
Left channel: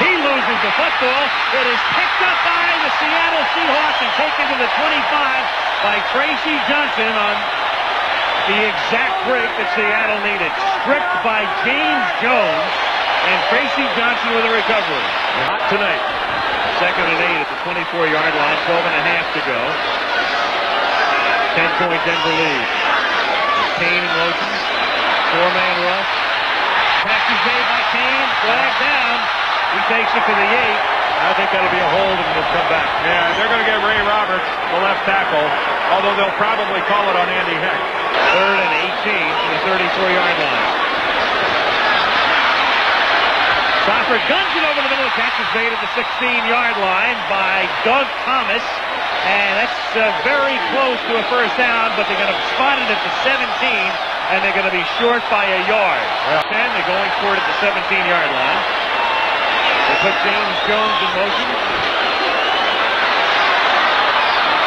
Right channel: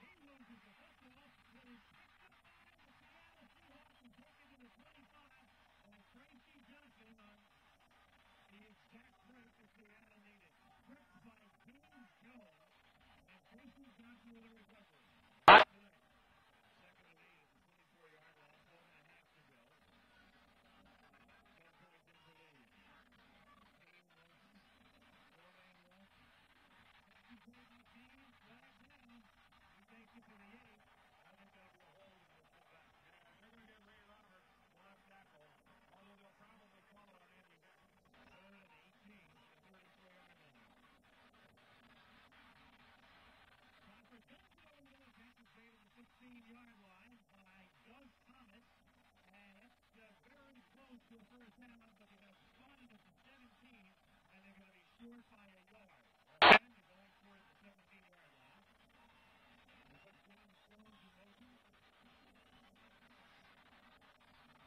He loses the football. It is picked up by the Seattle Seahawks and taken to the 25 by Tracy Johnson on the exact break that Seattle needed. Stripped by James Jones and Tracy Johnson with a recovery. Hot tonight. 2nd and 8 at the 24-yard line. 12.5 to go. 10-point Denver lead. Kane in motion. 4-man rush. Pass is made by Kane. Flag down. He takes it to the 8. I think that'll be a hold and they'll come back. Yeah, they're going to get Ray Roberts, the left tackle, although they'll probably call it on Andy Heck. 3rd and 18 to the 34-yard line. Crawford guns it over the middle. Catch is made at the 16-yard line by Doug Thomas. And that's very close to a first down, but they're going to spot it at the 17, and they're going to be short by a yard. 10, they're going for it at the 17-yard line. They put James Jones in motion.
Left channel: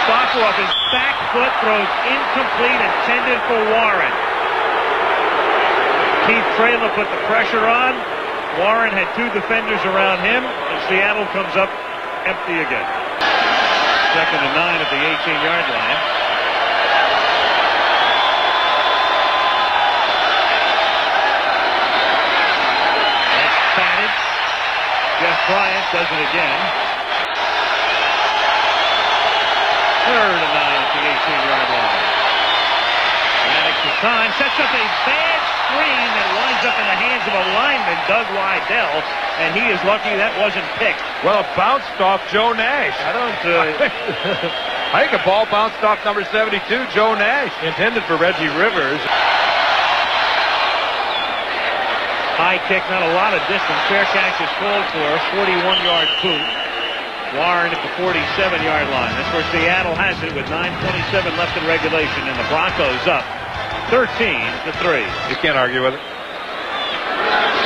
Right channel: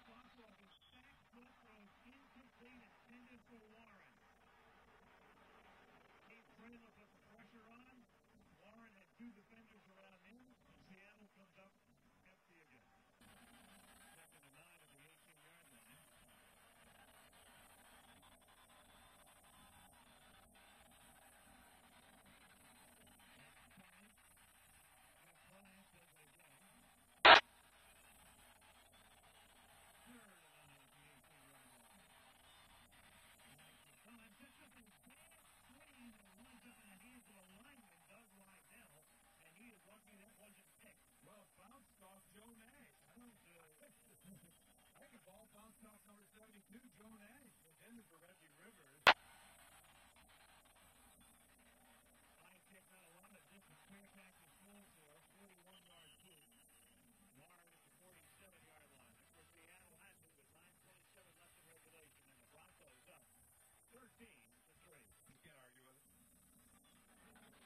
Stopper off his back foot, throws incomplete, intended for Warren. Keith Traylor put the pressure on. Warren had 2 defenders around him, and Seattle comes up empty again. 2nd and 9 at the 18-yard line. That's batted. Jeff Bryant does it again. 3rd and 9 at the 18-yard line. Maddox is time, sets up a bad screen that winds up in the hands of a lineman, Doug Wydell, and he is lucky that wasn't picked. Well, it bounced off Joe Nash. I think a ball bounced off number 72, Joe Nash. Intended for Reggie Rivers. High kick, not a lot of distance. Fair catch is called for. 41-yard boot. Warren at the 47-yard line. That's where Seattle has it with 9:27 left in regulation, and the Broncos up 13-3. You can't argue with it.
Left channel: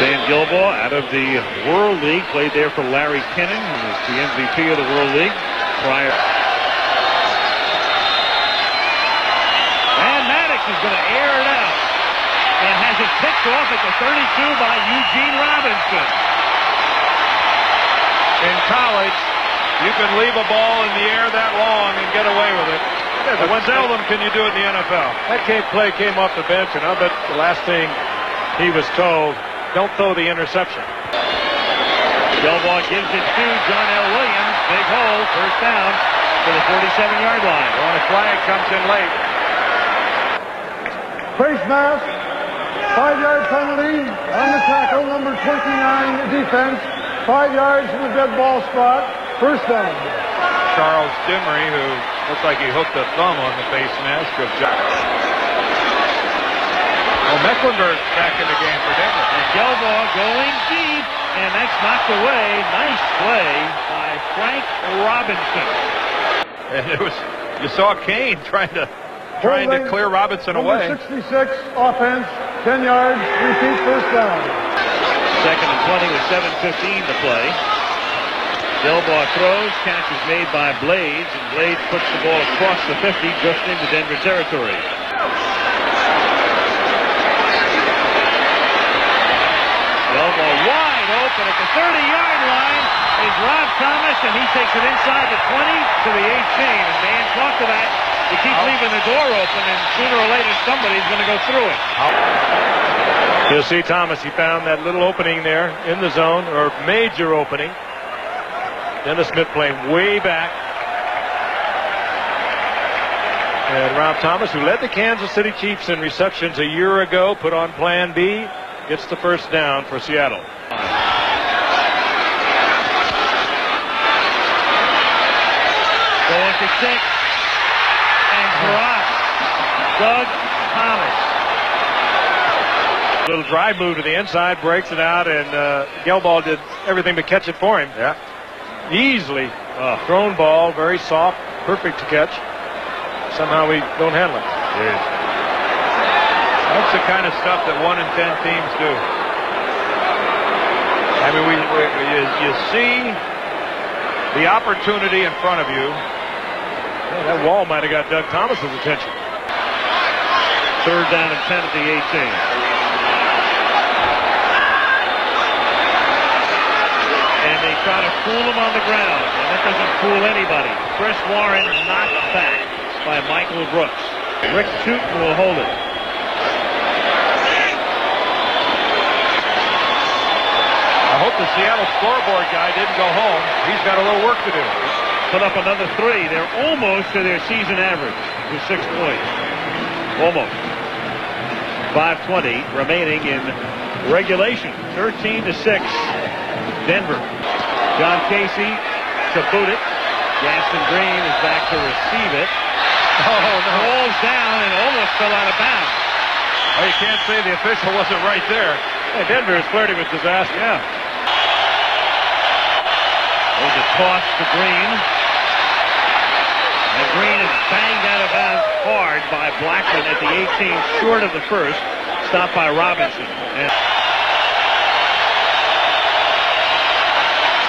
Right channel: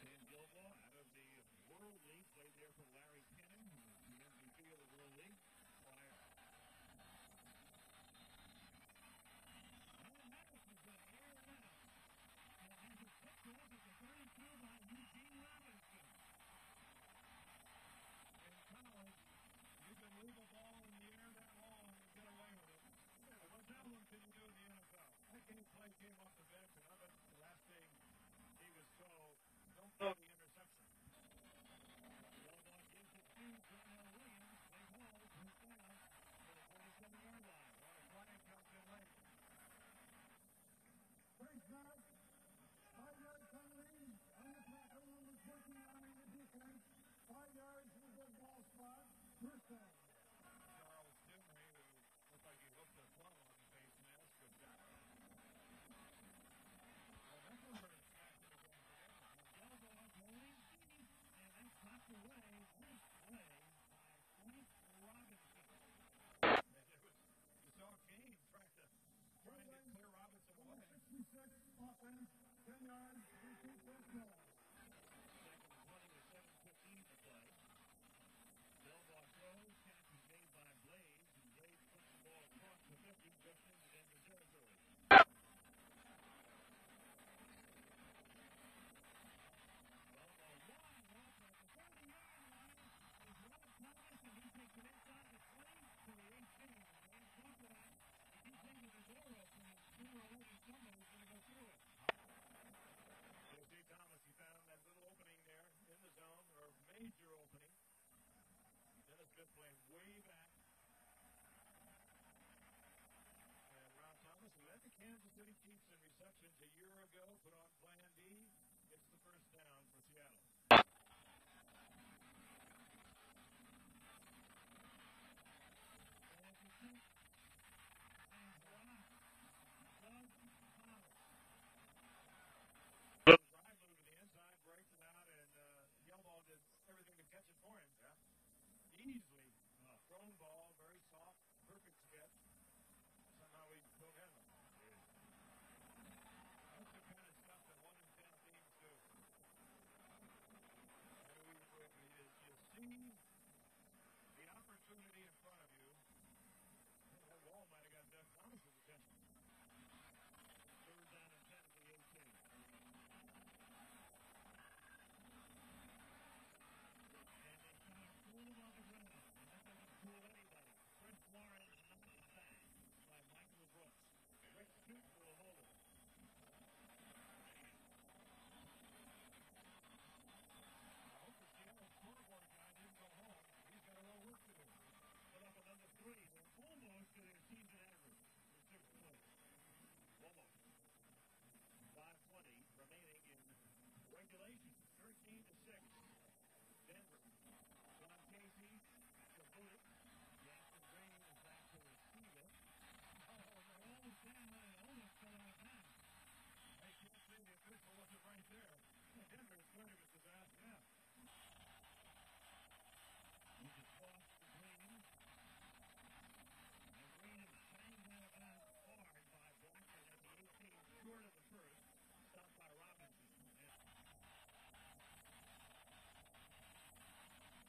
Dan Gilbaugh out of the World League, played there for Larry Kennan, who was the MVP of the World League prior. And Maddox is going to air it out and has it picked off at the 32 by Eugene Robinson. In college, you can leave a ball in the air that long and get away with it. Yeah, but seldom can you do it in the NFL. That play came off the bench, and I'll bet the last thing he was told, don't throw the interception. Gilbaugh gives it to John L. Williams. Big hole, first down to the 47-yard line. Well, a flag comes in late. Face mask, 5-yard penalty on the tackle, number 29 defense, 5 yards from the dead ball spot, first down. Charles Dimmery, who looks like he hooked a thumb on the face mask of Jack. Well, Mecklenburg's back in the game for Denver. And Gilbaugh going deep, and that's knocked away. Nice play by Frank Robinson. And it was, you saw Kane trying to clear Robinson away. Number 66 offense, 10 yards, repeat first down. Second and 20 with 7:15 to play. Delbar throws, catch is made by Blades, and Blades puts the ball across the 50 just into Denver territory. Delbar wide open at the 30-yard line is Rob Thomas, and he takes it inside the 20 to the 18. And Dan talked to that. You keep leaving the door open, and sooner or later somebody's going to go through it. You'll see Thomas, he found that little opening there in the zone, or major opening. Dennis Smith playing way back. And Rob Thomas, who led the Kansas City Chiefs in receptions a year ago, put on plan B, gets the first down for Seattle. 4 to 6. And dropped. Doug Thomas. Little drive move to the inside, breaks it out, and Gelball did everything but catch it for him. Yeah. Easily thrown ball, very soft, perfect to catch. Somehow we don't handle it. Yes. That's the kind of stuff that 1 in 10 teams do. I mean, you see the opportunity in front of you. Yeah, that wall might have got Doug Thomas's attention. 3rd down and 10 at the 18. And they try to fool him on the ground, and that doesn't fool anybody. Chris Warren knocked back by Michael Brooks. Rick Tootin will hold it. I hope the Seattle scoreboard guy didn't go home. He's got a little work to do. Put up another 3. They're almost to their season average with 6 points. Almost. 5:20 remaining in regulation. 13 to 6. Denver. John Casey to boot it. Gaston Green is back to receive it. Oh, no. Falls down and almost fell out of bounds. Oh, you can't say the official wasn't right there. Hey, Denver is flirting with disaster. Yeah. There's a toss to Green. And Green is banged out of bounds hard by Blackman at the 18, short of the first. Stopped by Robinson. And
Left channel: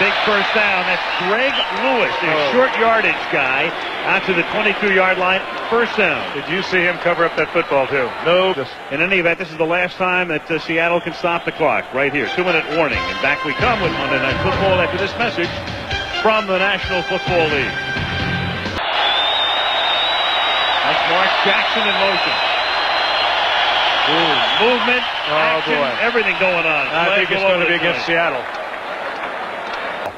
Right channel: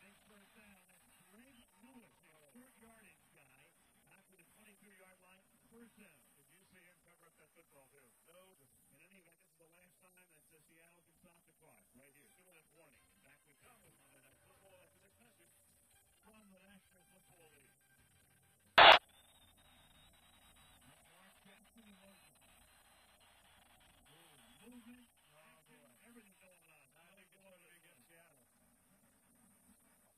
big first down. That's Greg Lewis, the short yardage guy, out to the 22-yard line. First down. Did you see him cover up that football, too? No. In any event, this is the last time that Seattle can stop the clock. Right here. 2-minute warning. And back we come with Monday Night Football after this message from the National Football League. That's Mark Jackson in motion. Ooh, movement, action, everything going on. I think it's going to be against Seattle.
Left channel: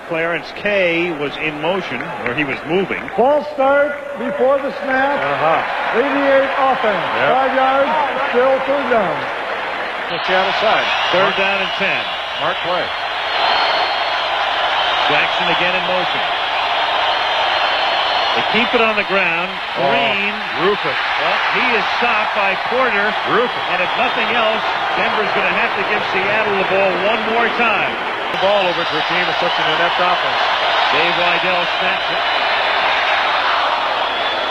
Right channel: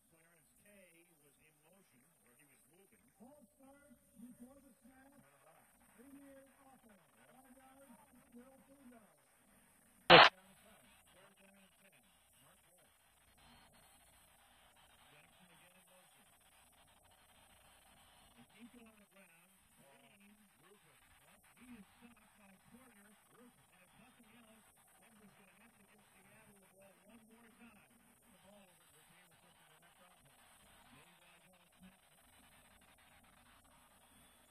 Clarence Kay was in motion, or he was moving. False start before the snap. 88 offense. 5 yards, still 3rd down. The Seattle side. 3rd down and 10. Mark play. Jackson again in motion. They keep it on the ground. Green. Rufus. Well, he is stopped by Porter. Rufus. And if nothing else, Denver's going to have to give Seattle the ball one more time. The ball over to a team with such an inept offense. Dave Weidel snaps it.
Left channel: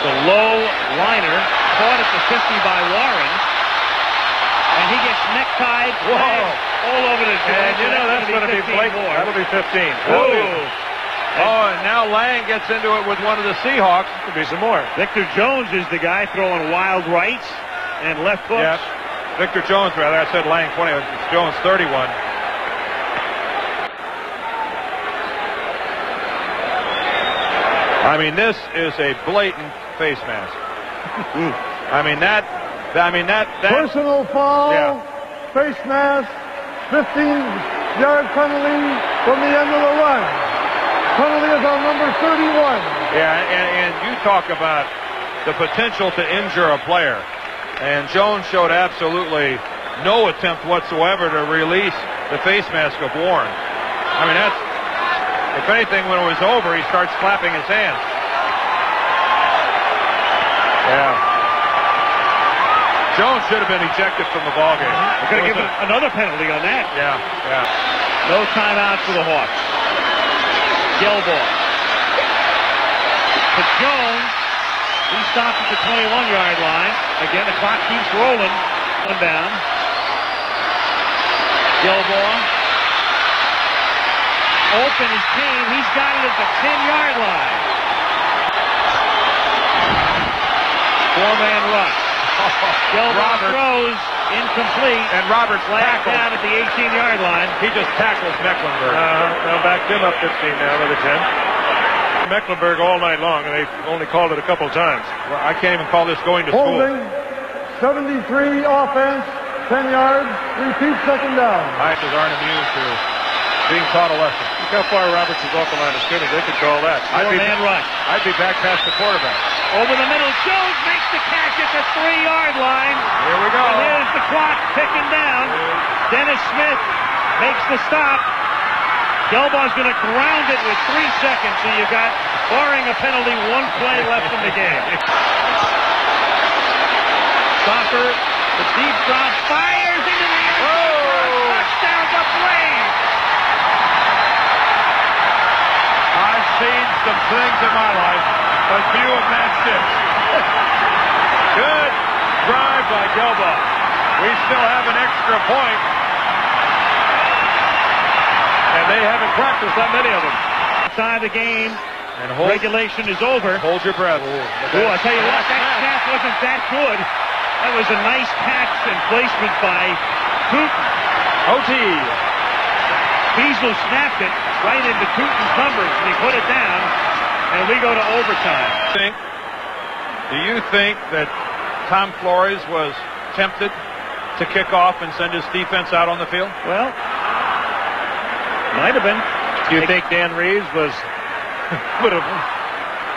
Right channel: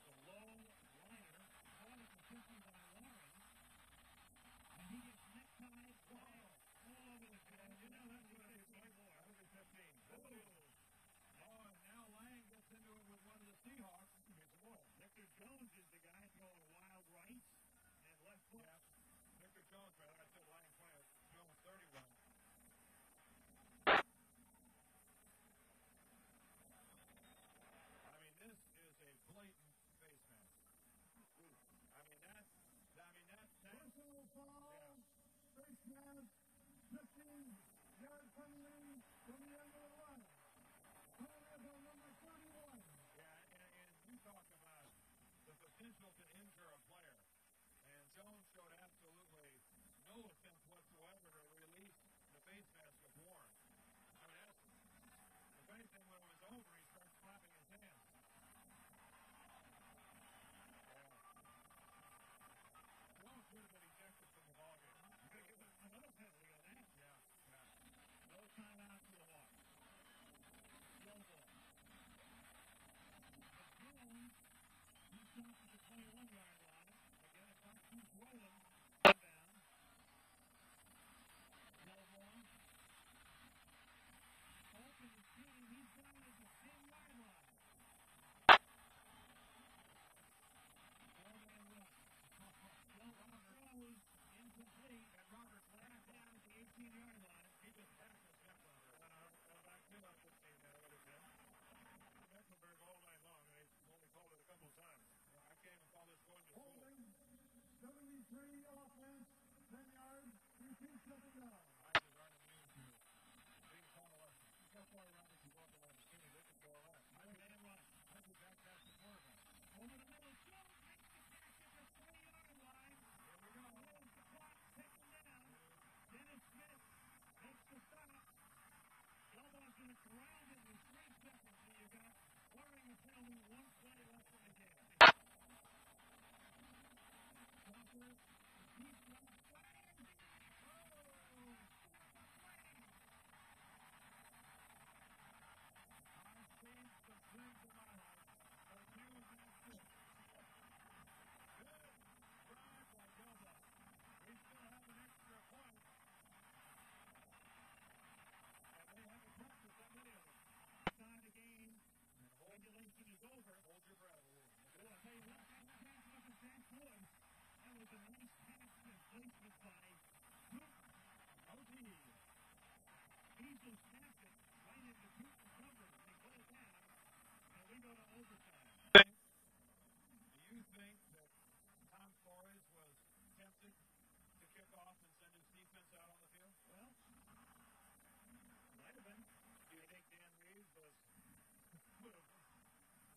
The low liner caught at the 50 by Warren. And he gets necktied. All over the field. And you know that's going to be blatant. That'll be 15. Whoa. Oh, and now Lang gets into it with one of the Seahawks. Could be some more. Victor Jones is the guy throwing wild rights and left hooks. Yep. Victor Jones, rather. I said Lang 20. It's Jones 31. I mean, this is a blatant face mask. I mean that. Personal foul. Yeah. Face mask. 15-yard penalty from the end of the run. Penalty is on number 31. Yeah, and you talk about the potential to injure a player. And Jones showed absolutely no attempt whatsoever to release the face mask of Warren. I mean, that's, if anything, when it was over, he starts clapping his hands. Yeah. Jones should have been ejected from the ballgame. We're going to give another penalty on that. Yeah. No timeout for the Hawks. Gelball. To Jones. He stopped at the 21-yard line. Again, the clock keeps rolling. One down. Gelball. Open is Kane. He's got it at the 10-yard line. Four-man rush. Gilbert throws incomplete. And Roberts flagged tackled down at the 18-yard line. He just tackles Mecklenburg. Now backed him up 15 now with a 10. Mecklenburg all night long, and they've only called it a couple times. Well, I can't even call this going to school. Holding, 73 offense, 10 yards, repeat second down. Tigers aren't immune to being taught a lesson. Look how far Roberts is off the line of scrimmage. They could call that. Four-man rush. I'd be back past the quarterback. Over the middle, Jones makes the catch at the 3-yard line. Here we go. And here's the clock ticking down. Dennis Smith makes the stop. Gelbaugh's going to ground it with 3 seconds, so you got, barring a penalty, 1 play left in the game. Stopper, the deep drop, fires into the end zone. Touchdown to Blaine. I've seen some things in my life, but few have matched this. Good drive by Gelbaugh. We still have an extra point. And they haven't practiced that many of them. Outside the game, And regulation is over. hold your breath. Ooh, I tell you what, that snap wasn't that good. That was a nice catch and placement by Tootin. OT. Beasley snapped it right into Tootin's numbers, and he put it down, and we go to overtime. Do you think that Tom Flores was tempted to kick off and send his defense out on the field? Well, might have been. Do you think Dan Reeves would have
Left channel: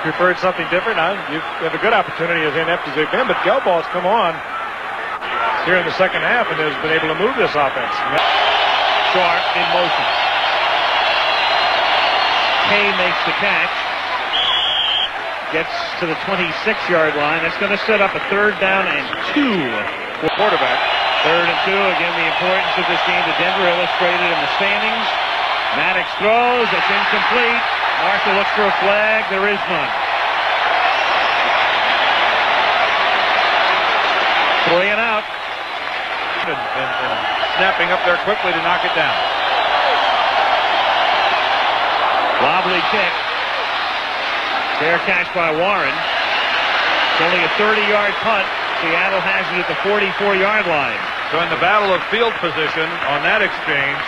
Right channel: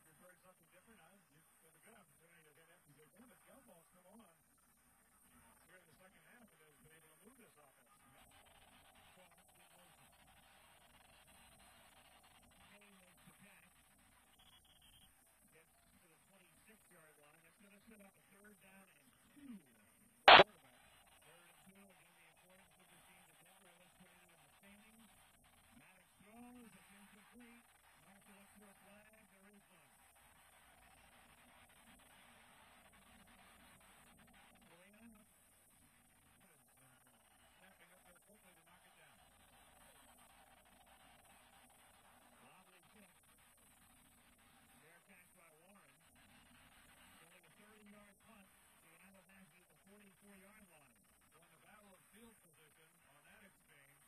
preferred something different? You have a good opportunity as inept as they've been, but Gelbaugh's come on here in the second half and has been able to move this offense. Sharp in motion. Kay makes the catch. Gets to the 26-yard line. That's going to set up a 3rd down and 2 for quarterback. 3rd and 2. Again, the importance of this game to Denver illustrated in the standings. Maddox throws. That's incomplete. Marshall looks for a flag. There is none. 3 and out. And snapping up there quickly to knock it down. Wobbly kick. Fair catch by Warren. It's only a 30-yard punt. Seattle has it at the 44-yard line. So in the battle of field position on that exchange,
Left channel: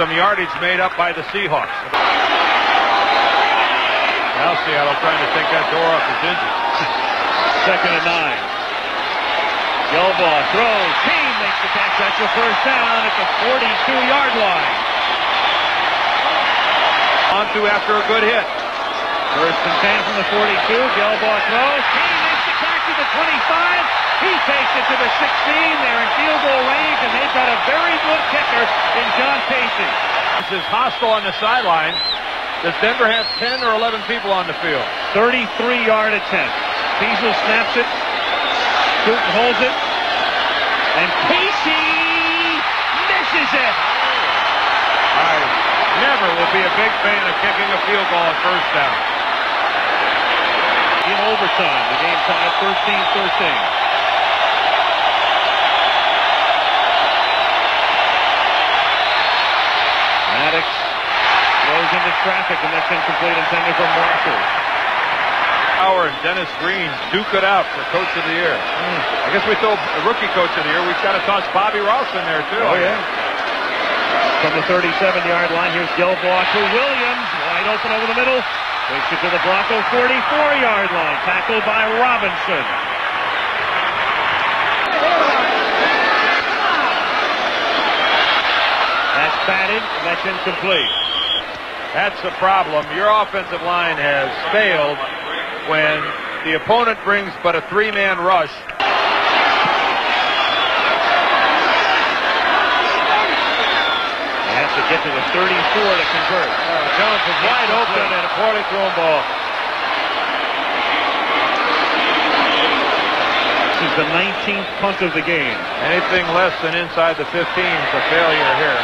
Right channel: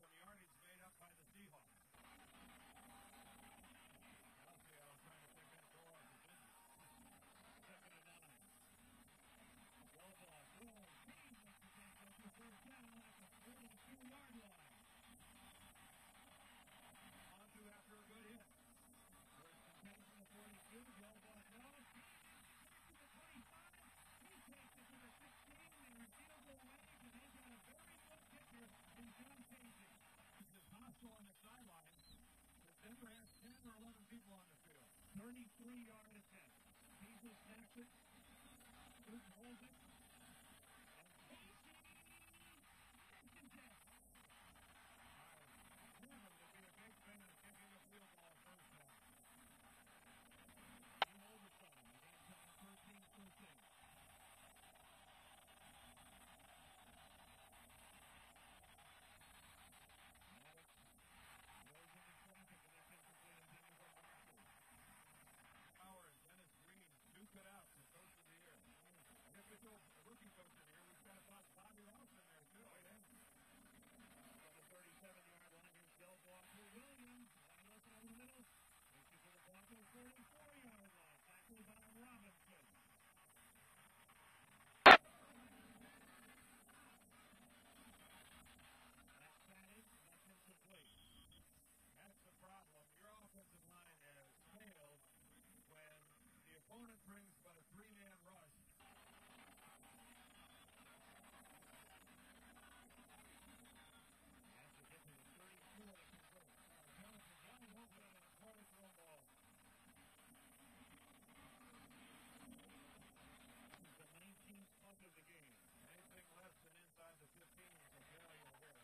some yardage made up by the Seahawks. Now Seattle trying to take that door off his hinges. 2nd and 9. Gelbaugh throws. Kane makes the catch. That's your 1st down at the 42-yard line. On to after a good hit. 1st and 10 from the 42. Gelbaugh throws. Kane makes the catch at the 25. He takes it to the 16. They're in field goal range, and they've got a very good kicker in John Pacey. This is hostile on the sideline. Does Denver have 10 or 11 people on the field? 33-yard attempt. Beasley snaps it. Tootin holds it. And Pacey misses it. I never will be a big fan of kicking a field goal on 1st down. In overtime, the game tied 13-13. Maddox throws into traffic, and that's incomplete, intended for Marshall. Howard and Dennis Green duke it out for Coach of the Year. I guess we throw a rookie Coach of the Year. We've got to toss Bobby Ross in there, too. Oh, yeah. From the 37-yard line, here's Gelbaugh to Williams. Wide open over the middle. Takes it to the Bronco 44-yard line. Tackled by Robinson. That's batted, and that's incomplete. That's the problem. Your offensive line has failed when the opponent brings but a 3-man rush. They have to get to the 34 to convert. Jones is wide open and a poorly thrown ball. This is the 19th punt of the game. Anything less than inside the 15 is a failure here.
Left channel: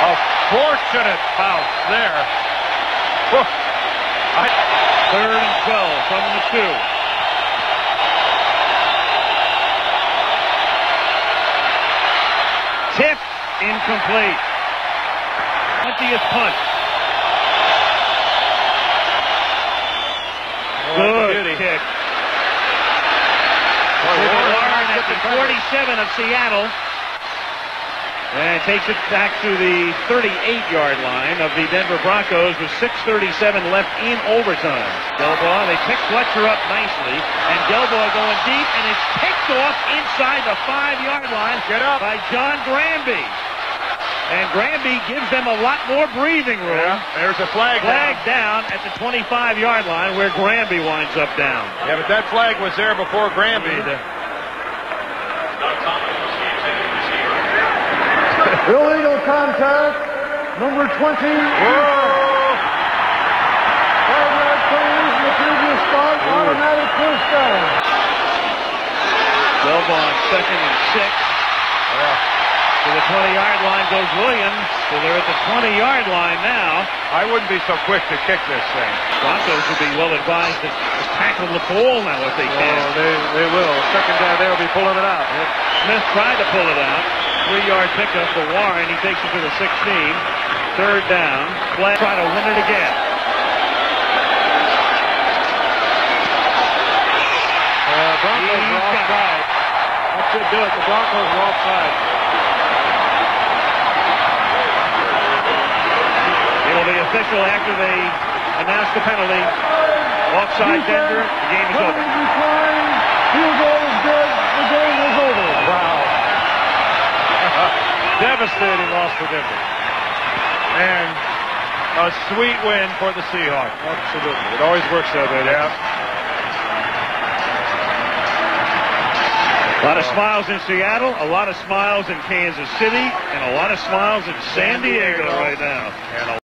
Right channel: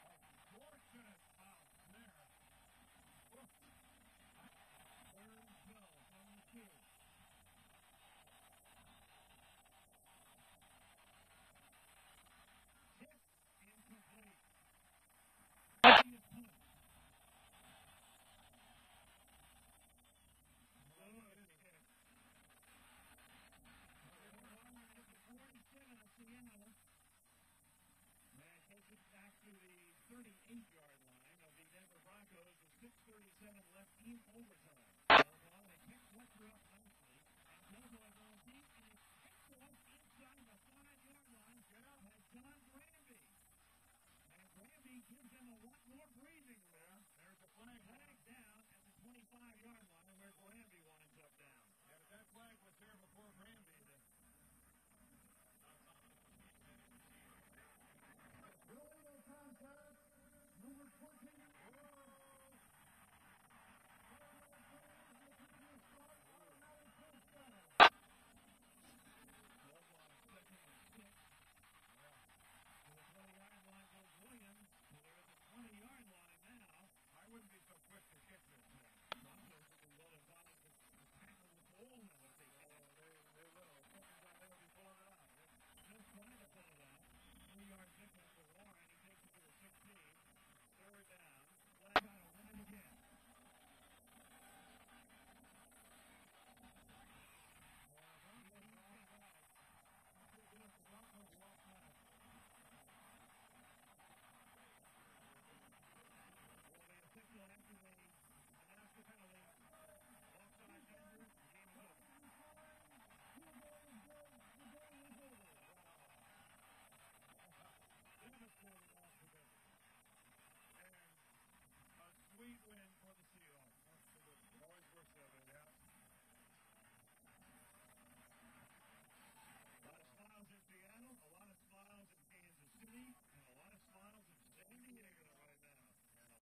A fortunate bounce there. 3rd and 12 from the 2. incomplete. 20th punt. Good kick. Warren at the 47 of Seattle. And takes it back to the 38-yard line of the Denver Broncos with 6:37 left in overtime. Gelbaugh, they pick Fletcher up nicely, and Gelbaugh going deep, and it's picked off inside the 5-yard line by John Granby. And Granby gives them a lot more breathing room. Yeah, there's a flag down at the 25-yard line where Granby winds up down. Yeah, but that flag was there before Granby. Illegal contact, number 20. 5-yard penalty in the previous spot, automatic first down. Gelbaugh 2nd and 6. To the 20-yard line goes Williams. So they're at the 20-yard line now. I wouldn't be so quick to kick this thing. Broncos would be well advised to tackle the ball now if they can. They will. Second down, they'll be pulling it out. Smith tried to pull it out. 3-yard pickup for Warren. He takes it to the 16. 3rd down. Flag try to win it again. Broncos are offside. That should do it. The Broncos are offside. It'll be official after they announce the penalty. Offside Denver. The game is over. Field goal is good. The game is over. Wow. Devastating loss for Denver. And a sweet win for the Seahawks. Absolutely. It always works that way. Yeah. A lot of smiles in Seattle, a lot of smiles in Kansas City, and a lot of smiles in San Diego right now.